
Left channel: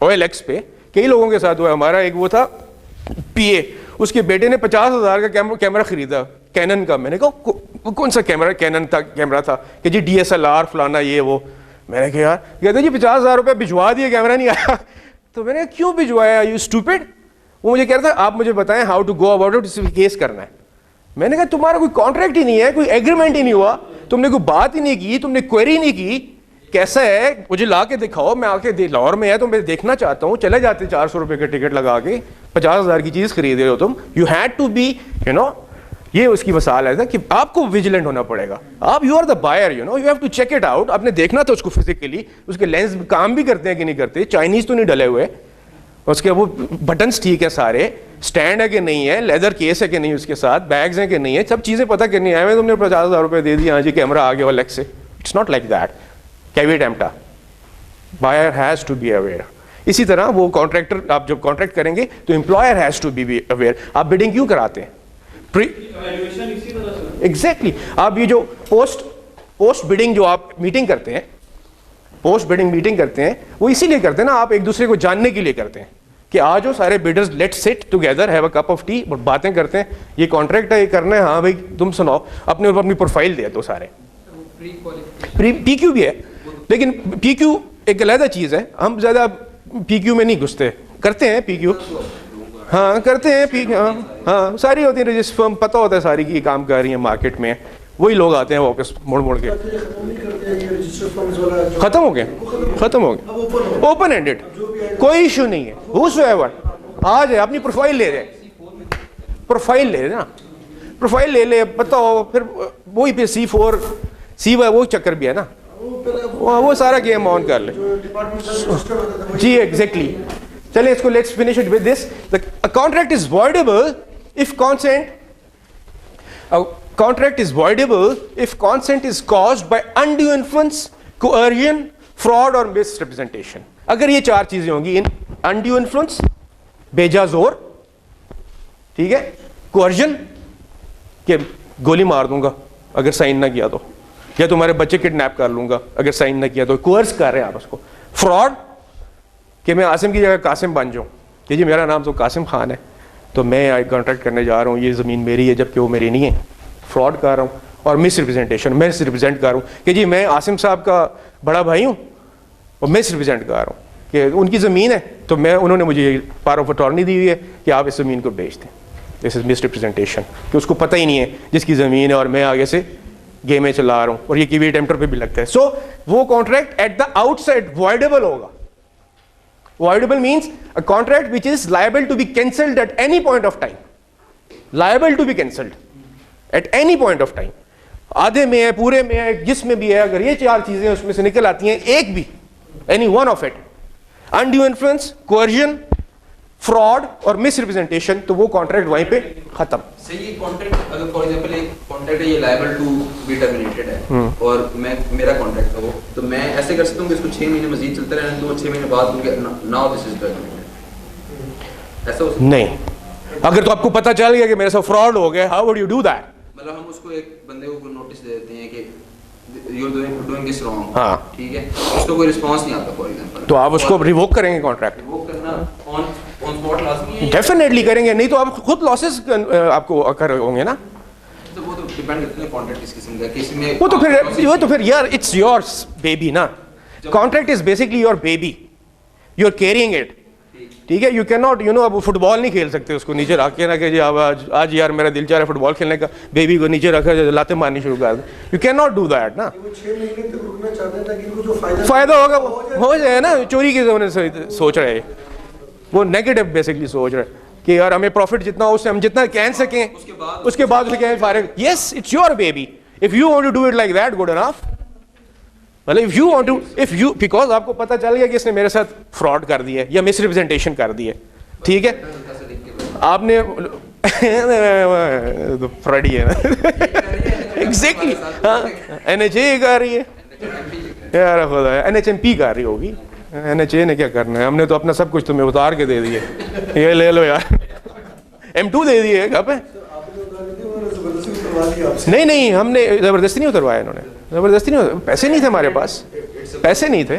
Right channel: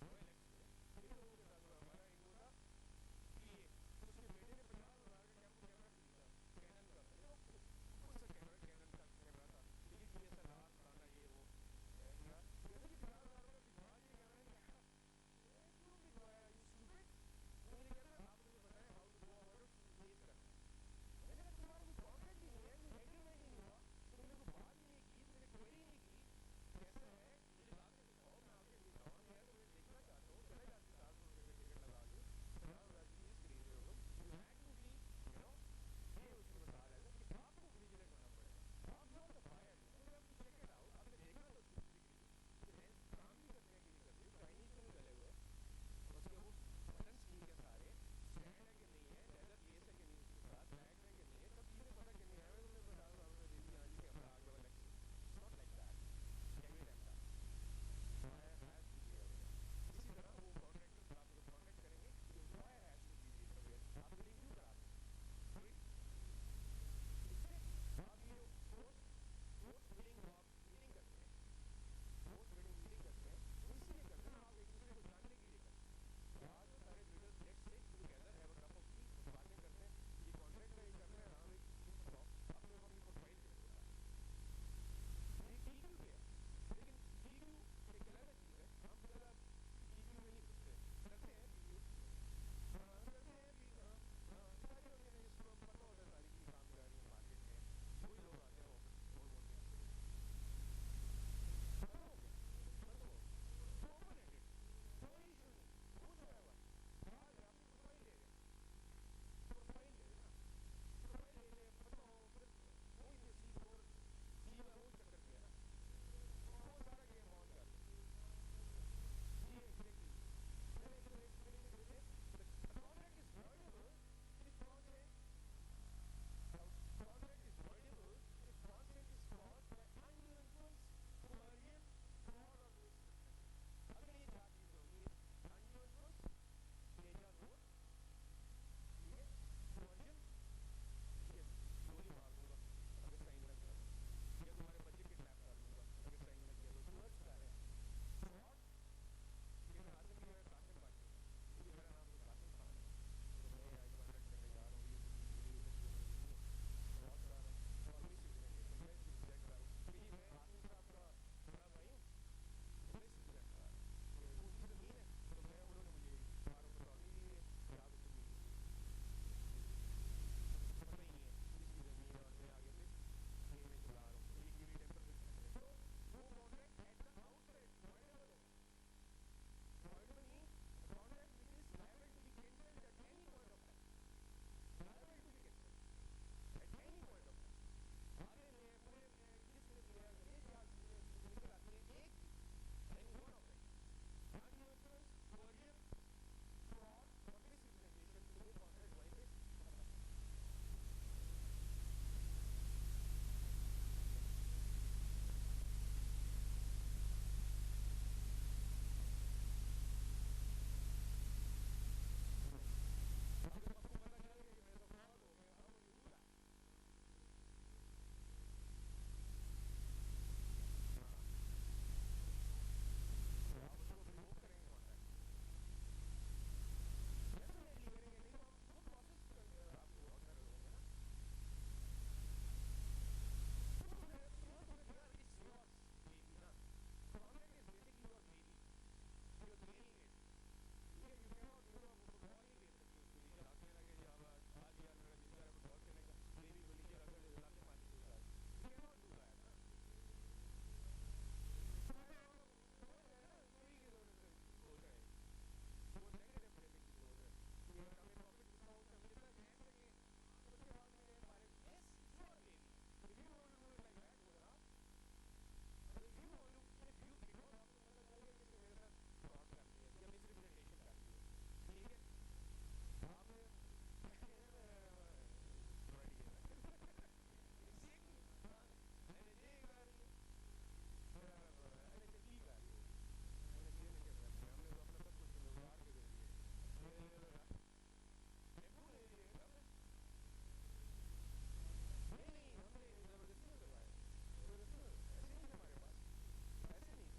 OLX پہ کئی لوگوں کے ساتھ ہوا. ہمارا ایک وہ تھا PA, اس کے بیٹے نے 50,000 کا کیمرہ خریدا کینن کا. میں نے کہا کون سا کیمرہ؟ کینن تھا کیمرہ تھا کہ جی DSLR فلانا یہ وہ. میں نے کہا یار, کہتے جی 50,000 روپے بھجوا دیے, کیمرہ نہیں آیا. تو میں نے کہا کیوں بھجوایا, یو اسٹوپڈ. وہ مجھے کہہ رہا تھا آپ مجھے بتائیں how to go about it, اس پہ کیس کرنا ہے. میں نے کہا تمہارا کوئی کانٹریکٹ ہی نہیں ہے, کوئی ایگریمنٹ ہی نہیں ہوا, تم نے کوئی بات ہی نہیں کی, تم نے کوئری نہیں کی, کیسا ہے مجھے لا کے دکھاؤ, میں آ کے لاہور میں ہے تو میں دیکھنا چاہتا ہوں. چلے جاتے 400 روپے کا ٹکٹ لگا کے 50,000 کی چیز خرید رہے ہو تم. یو ہیڈ ٹو بی یہ اس کی مثال ہے کہ آپ کو ویجیلنٹ ہونا پڑے گا. آپ you are the buyer, you have to check it out. آپ نے دیکھنا تھا اس کو فزیکلی, اس کے لینس کام بھی کرتے ہیں کہ نہیں کرتے, چائنیز تو نہیں ڈلے ہوئے, اس کے وہ بٹنس ٹھیک ہے سارے, اسٹینڈ ہے کہ نہیں ہے, لیدر کیس ہے کہ نہیں, اس کے ساتھ بیگز ہیں کہ نہیں ہے, سب چیزیں پتہ کرنی ہے. تم نے 50,000 روپے دے دی, ہاں جی کیمرہ آ گیا OLX سے. It's not like that. Caveat emptor, buyer has to be aware. اسی طرح وہ کانٹریکٹر, آپ جب کانٹریکٹ کریں گے تو employer has to be aware. آپ بڈنگ کیوں کراتے ہیں؟ ایگزیکٹلی. آپ یہ جو پوسٹ بڈنگ جو آپ میٹنگ کرتے ہیں, پوسٹ بڈنگ میٹنگ کرتے ہیں, وہ اسی لیے کرتے ہیں نا, آپ ایک دوسرے کو جاننے کے لیے کرتے ہیں کہ آ جاؤ سارے bidders, let sit together, have a cup of tea, باتیں کرتے ہیں. یہ کانٹریکٹ ہے, یہ کرنا ہے, ہاں بھائی تم سناؤ, اپنی پروفائل دے دو سارے. PQ بھی ہے, لیکن PQ ایک علیحدہ چیز ہے. ہم زیادہ PQ میں نہیں گھستے, کرتے ہیں PQ, ہاں کرتے ہیں PQ, ہاں ساری ہوتی ہیں رجسٹر فرم, پتہ ہوتا ہے ساری کی کام کر رہی ہیں مارکیٹ میں, وہی لوگ آتے ہیں واپس موڑ کے. ختم ہو گیا اوپن ہینڈڈ, کوئی ایشو نہیں ہے. whosoever آ جائے, اپنی پروفائل لے جائے, پروفائل لے نا, پروفائل لے لے, پتہ ہو, پھر وہی پہ C4 C1 وہ چکر بھی ہے نا, وہ سارا گیم آن کر لے. جی ایگزیکٹلی. چلیں اس کو let's finish it with this. A contract is voidable if contract is voidable if consent is caused by undue influence, coercion, fraud اور misrepresentation. اگر یہ چار چیزیں ہوں گی, undue influence, بیجا زور, ٹھیک ہے, coercion کہ گولی مار دوں گا اگر سائن نہ کیا تو, یا تمہارے بچے کڈنیپ کر لوں گا اگر سائن نہ کیا تو, coerce کر رہے ہیں آپ اس کو. fraud کہ میں عاصم کی جگہ قاسم بن جاؤں, کہ جی میرا نام تو قاسم خان ہے تو میں کانٹریکٹ کرنے جا رہا ہوں, یہ زمین میری ہے جبکہ وہ میری نہیں ہے, فراڈ کر رہا ہوں. اور مس ریپرزینٹیشن, میں ریپرزینٹ کر رہا ہوں کہ جی میں عاصم صاحب کا بڑا بھائی ہوں اور مس ریپرزینٹ کر رہا ہوں کہ ان کی زمین ہے تو انہوں نے مجھے پاور آف اٹارنی دی ہوئی ہے کہ آپ اس زمین کو بیچ دیں. دس از مس ریپرزینٹیشن, کہ اس کو پتہ ہی نہیں ہے جس کی زمین ہے اور میں آگے سے گیمیں چلا رہا ہوں, اور یہ کیوی ٹیمپٹر پہ بھی لگتا ہے. سو وہ contract at the outside voidable ہوگا. Voidable means a contract which is liable to be cancelled at any point of time. Liable to be cancelled at any point of time. آدھے میں ہے, پورے میں ہے, جس میں بھی ہے, اگر یہ چار چیزیں اس میں سے نکل آتی ہیں, ایک بھی, any one of it, undue influence, coercion, fraud اور مس ریپرزینٹیشن, تو وہ کانٹریکٹ وہیں پہ ختم. صحیح. کانٹریکٹ اگر فار ایگزامپل ایک کانٹریکٹ ہے, یہ لائبل ٹو بی ٹرمینیٹڈ ہے اور میرا کانٹریکٹ ہے وہ, تو میں ایسے کر سکتا ہوں کہ اس کو 6 مہینے مزید چلتا رہنے دو, 6 مہینے بعد مجھے ناؤ دس از ٹرمینیٹڈ, ایسا ہو سکتا نہیں. اگر تو آپ کو پتہ چل گیا کہ میرے ساتھ فراڈ ہو گیا, how would you do that? مطلب ہم اس کو ایک بندے کو نوٹس دے دیتے ہیں کہ you are doing this wrong, ہاں ٹھیک ہے, اس کو کوئی رسپانس نہیں آتا فار ایگزامپل, تو آپ اس کو ریووک کریں گے کانٹریکٹ؟ وہ کرنا آن اسپاٹ لازمی ہے. ڈیفینیٹلی کریں گے, نہیں تو آپ خود لاسز آپ کو اکر ہوں گے نا. تو وہ تو ڈیپینڈ کرتا ہے کانٹریکٹ کس قسم کا, کسی میں وہ تو پھر یار اٹس یور بیبی نا. Contract is basically your baby, you are carrying it, ٹھیک ہے. یو کین ناٹ اب فٹ بال نہیں کھیل سکتے اس کو نیچے رکھ کے نا کہ جی آج یار میرا دل چاہ رہا ہے فٹ بال کھیلنے کا, بیبی کو نیچے رکھا لاتے مارنی شروع کر دیں. You can not do that نا. فائدہ ہوگا ہو جائے نا, چوری کے زمانے سے سوچ رہے ہیں وہ, نیگیٹو بیسکلی سوچ رہے کہ یار ہمیں پروفٹ جتنا ہو اس سے ہم جتنا کہہ سکیں, اس کے بعد کہیں فارغ. Yes it's your baby, if you want to do it like that good enough. مطلب if you want to, if you, because آپ کو پتہ چل گیا کہ اس نے میرے ساتھ فراڈ کر دیا ہے یا مس ریپرزینٹیشن کر دی ہے, ٹھیک ہے, آپ نے فراڈی ہے نا ایگزیکٹلی. ہاں NHA کر رہی ہے یار, خدا ہے NHMP کر رہی ہوگی, NHA نے کیا کرنا ہے, ہم نے تو اپنا سب کچھ تمہیں اتار کے دے دیے, یہ لے لو یار, M2 دے دیے کہاں پہ. نہیں ہم نے زبردستی نہیں اتروایا, انہوں نے زبردستی نہیں, پیسے نہیں تھے ہمارے پاس, پیسے نہیں تھے,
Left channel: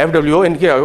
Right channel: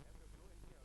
FWO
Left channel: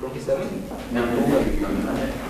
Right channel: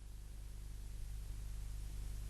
27